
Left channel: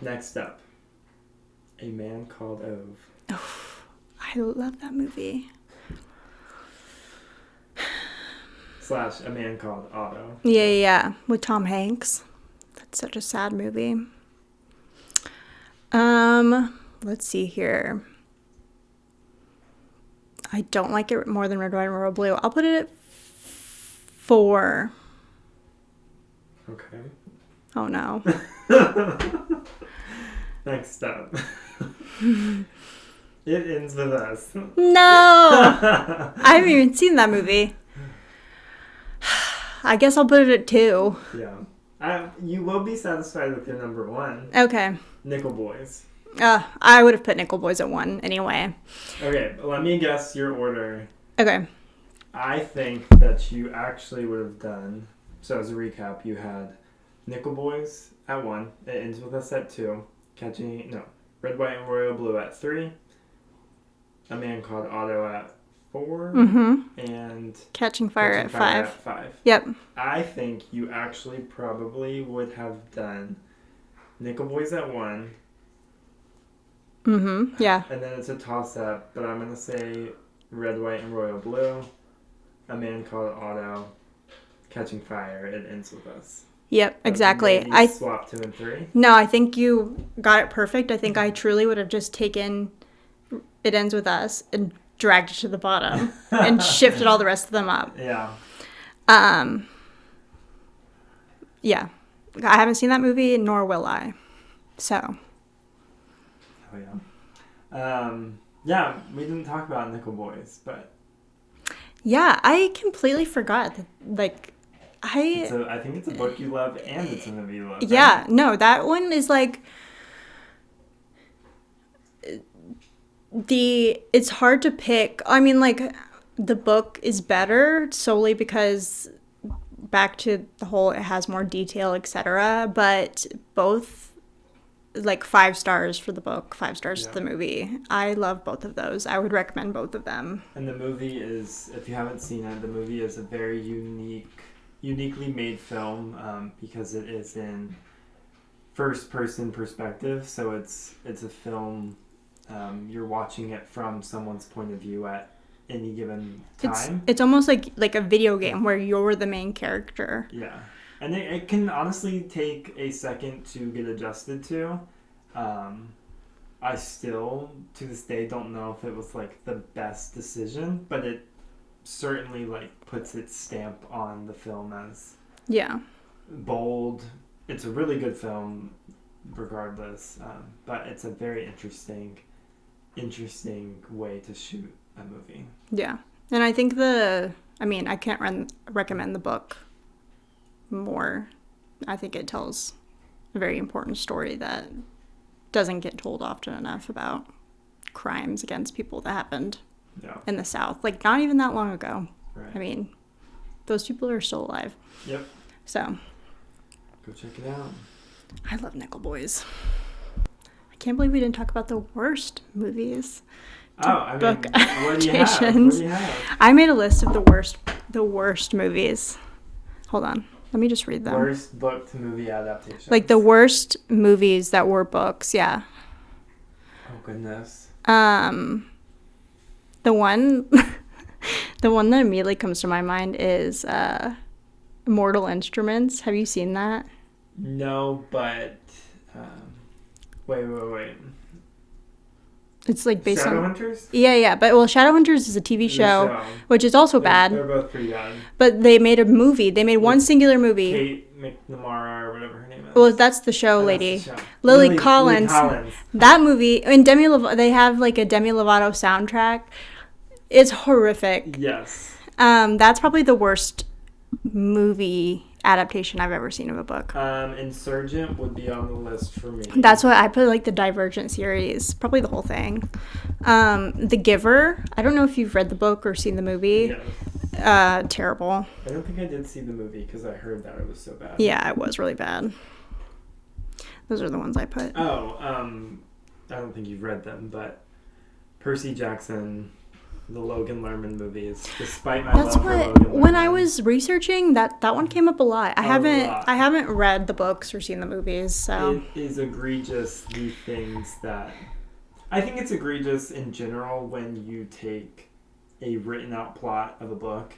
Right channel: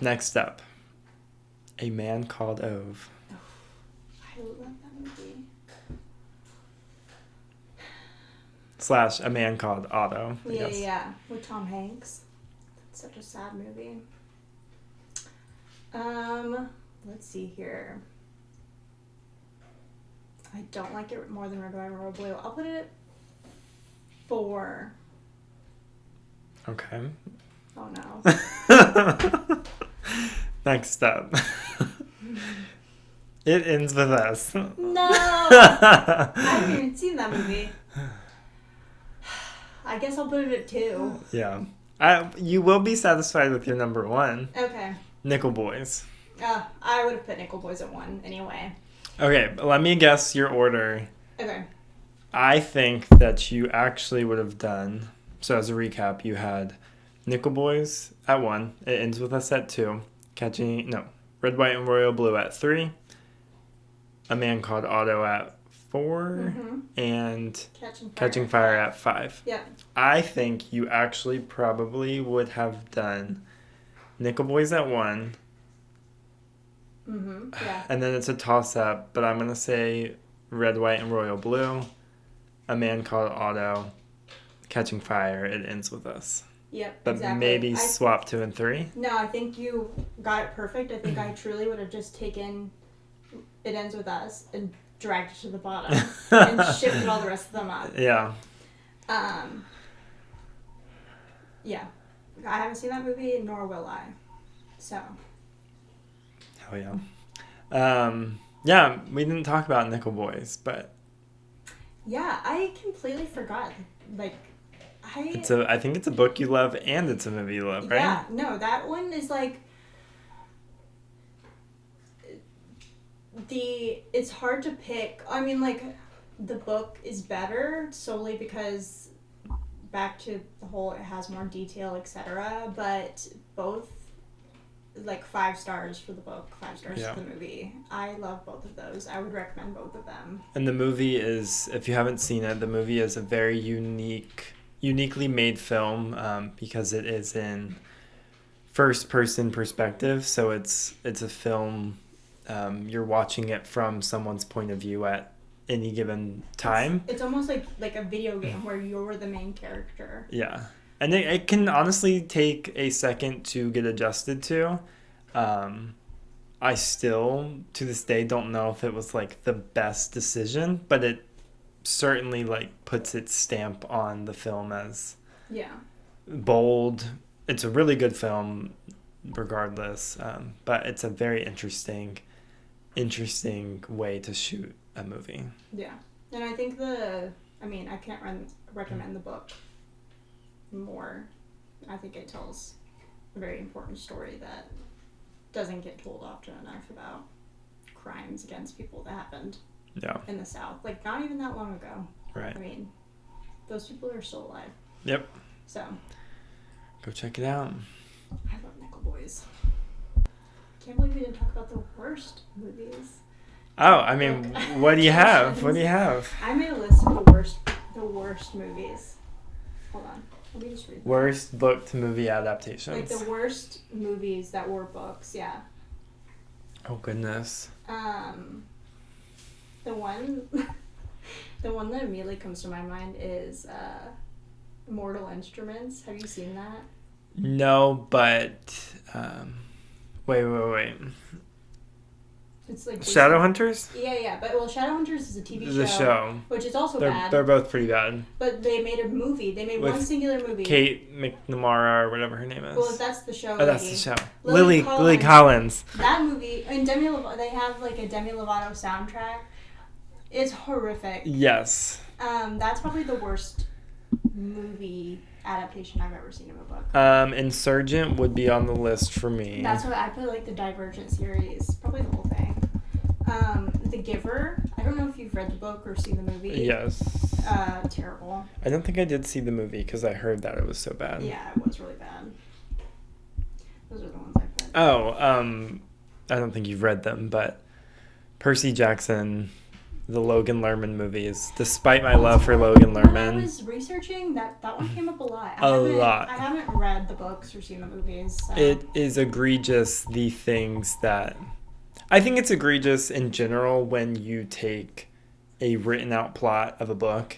Next up. A Man Called Ove. Oh, I love that movie. / A Man Called Otto. Yeah. With Tom Hanks. That's such a sad movie. Let's see here. I don't like it more than Red, White, and Royal Blue. I'll put it at 4. Okay. Oh no. Next up. It Ends With Us. No! I haven't even seen that movie. I guess I'll put it at 2. Yeah. You will be satisfied with your number 1. Okay. Nickel Boys. I would have put Nickel Boys at 1 anyway. Okay, let me guess your order. Okay. I think that you actually would have done, so as a recap, you had Nickel Boys at 1, It Ends With Us at 2, Red, White, and Royal Blue at 3, A Man Called Otto at 4 and Catching Fire Catching at Fire 5. at 5. Yep. I think you actually probably would have done Nickel Boys at 1. Yeah. And then it's a toss-up, but I'm going to say Red, White, and Royal Blue, A Man Called Otto, Catching Fire, It Ends With Us. Yep, But exactly. Maybe I swap 2 and 3. No, I think you got it perfect. I think I truly would have just taken It Ends With Us and dragged it to the bottom and shifted all the rest of them up. Yeah. Yeah. I haven't seen that movie, nor will I. So. Oh, yeah. Yeah, we didn't talk about Nickel Boys, but... Yeah, I completely forgot. Like, I think it's a book you love and it's a movie you love, right? Yeah, no, that one is like... It's hard to pick. I mean, like, the book is better solely because back to the whole it has more detail, etc. But both, like, 5 stars for the book, 5 stars for the movie. I love both of those. I would recommend both of them. And the movie is, if you haven't seen it, the movie is a very uniquely made film because it is in first-person perspective. So it's a film. You're watching it from someone's point of view at any given time. It's almost like a video game where you're the main character. Yeah. And it can honestly take a second to get adjusted to. I still, to this day, don't know if it was, like, the best decision, but it certainly, like, puts its stamp on the film as bold. It's a really good film regardless, but it's a very interesting way to shoot a movie. Yeah. And I think I can't recommend the book more. I think it tells a very important story that doesn't get told often enough about crimes against people that happened in the South. Like, not even that long ago. Right. I mean, those people are still alive. Yep. So. Go check it out. I love Nickel Boys. I can't believe we didn't talk about the worst movies. Oh, I mean, what do you have? I made a list of the worst movies. Hold on. Let me just read them. Worst book to movie adaptations. Like the worst movies that were books, yeah. Oh, goodness. The one that immediately comes to my mind is Mortal Instruments. Have you seen that? No, but wait. It's like basically Shadowhunters? Yeah. But Shadowhunters is a TV show, which is also bad. They're both pretty bad. But they made a movie. They made one singular movie. Kate McNamara or whatever her name is. Well, that's the show lady. That's the show. Lily Collins. Lily Collins. That movie, and they have like a Demi Lovato soundtrack. It's horrific. Yes. That's probably the worst movie adaptation I've ever seen of a book. Insurgent would be on the list for me. That's what I put, like the Divergent series, probably the whole thing. The Giver. I don't know if you've read the book or seen the movie. Yes. Terrible. I don't think I did see the movie because I heard that it was so bad. Yeah, it was really bad. Those are the ones I put. Oh, I don't think you've read them, but Percy Jackson, the Logan Lerman movies, despite my love for Logan Lerman. When I was researching, that one came up a lot. I haven't read the books or seen the movies, so. It is egregious, the things that... I think it's egregious in general when you take a written out plot of a book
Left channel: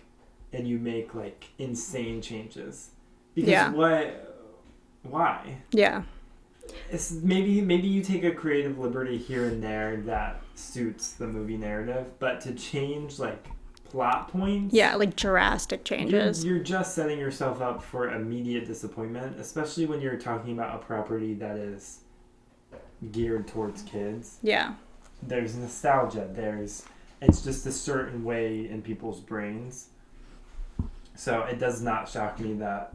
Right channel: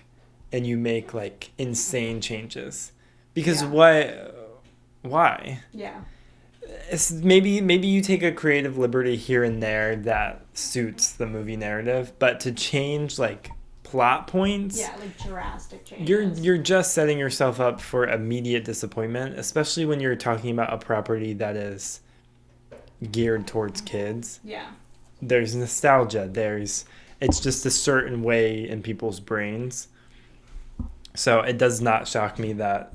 and you make, like, insane changes. Because why? Yeah. Maybe you take a creative liberty here and there that suits the movie narrative, but to change like plot points, like drastic changes, you're just setting yourself up for immediate disappointment, especially when you're talking about a property that is geared towards kids. Yeah, there's nostalgia. It's just a certain way in people's brains. So it does not shock me that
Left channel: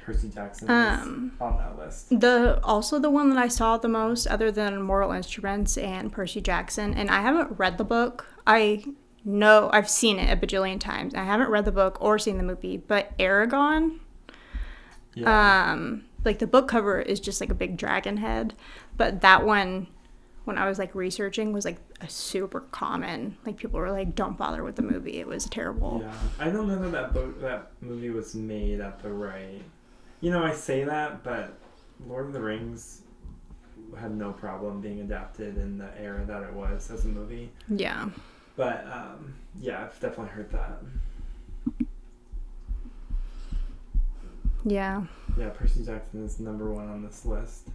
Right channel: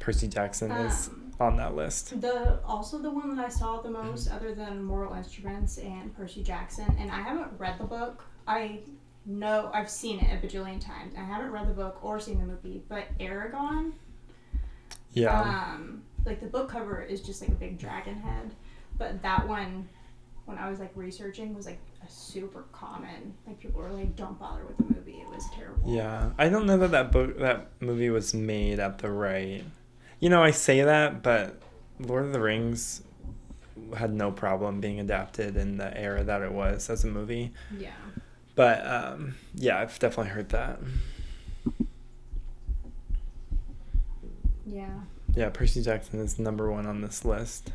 Percy Jackson is on that list. Also the one that I saw the most, other than Mortal Instruments and Percy Jackson, and I haven't read the book. I know I've seen it a bajillion times. I haven't read the book or seen the movie, but Aragon. Yeah. Like the book cover is just like a big dragon head, but that one when I was like researching was like a super common. Like people were like, "Don't bother with the movie. It was terrible." Yeah, I don't know that movie was made at the right. You know, I say that, but Lord of the Rings had no problem being adapted in the era that it was as a movie. Yeah. But yeah, I've definitely heard that. Yeah. Yeah, Percy Jackson is number 1 on this list.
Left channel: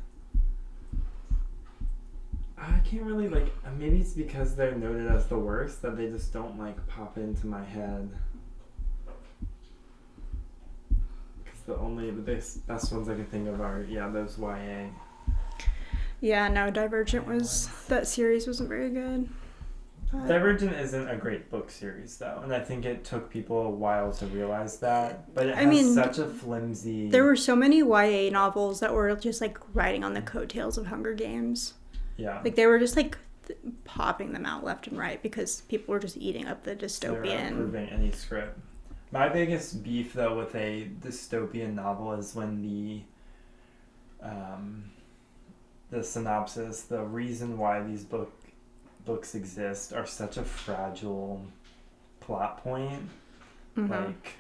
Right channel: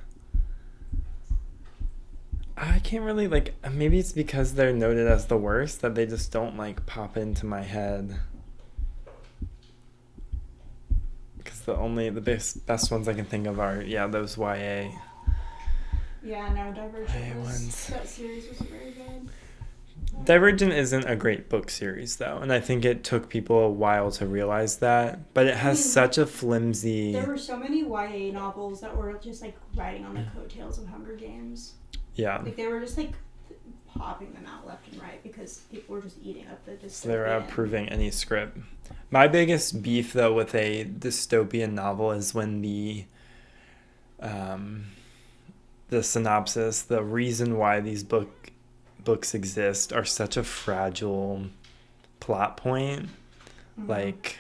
I can't really like. Maybe it's because they're noted as the worst that they just don't like pop into my head. Because the best ones I can think of are those YA. Yeah, no, Divergent that series wasn't very good. Divergent isn't a great book series though, and I think it took people a while to realize that. But it has such a flimsy. There were so many YA novels that were just like riding on the coattails of Hunger Games. Yeah. Like they were just like popping them out left and right because people were just eating up the dystopian. They're approving any script. My biggest beef though with a dystopian novel is when the synopsis, the reason why these books exist are such a fragile plot point. Mm-hmm. Like,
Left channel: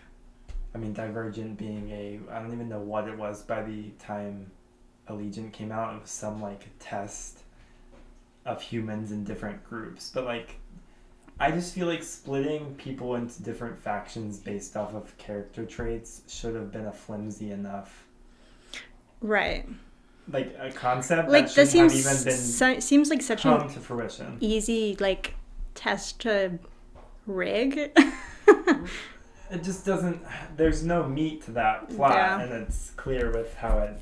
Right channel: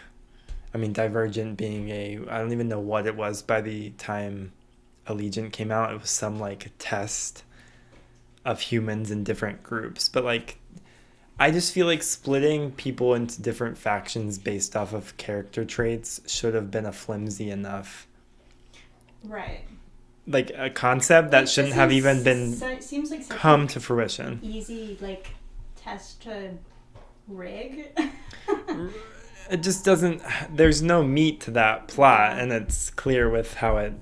I mean, Divergent being I don't even know what it was by the time Allegiant came out. It was some like test of humans in different groups, but like I just feel like splitting people into different factions based off of character traits should have been a flimsy enough, right, like a concept that shouldn't have even been seems like such come to fruition. Easy like test to rig. It just doesn't. There's no meat to that plot, and it's clear with how it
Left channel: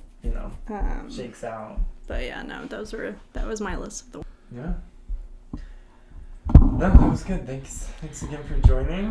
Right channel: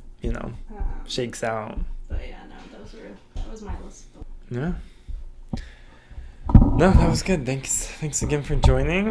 shakes out. But yeah, no, that was my list of the. Yeah. No, that was good. Thanks again for joining.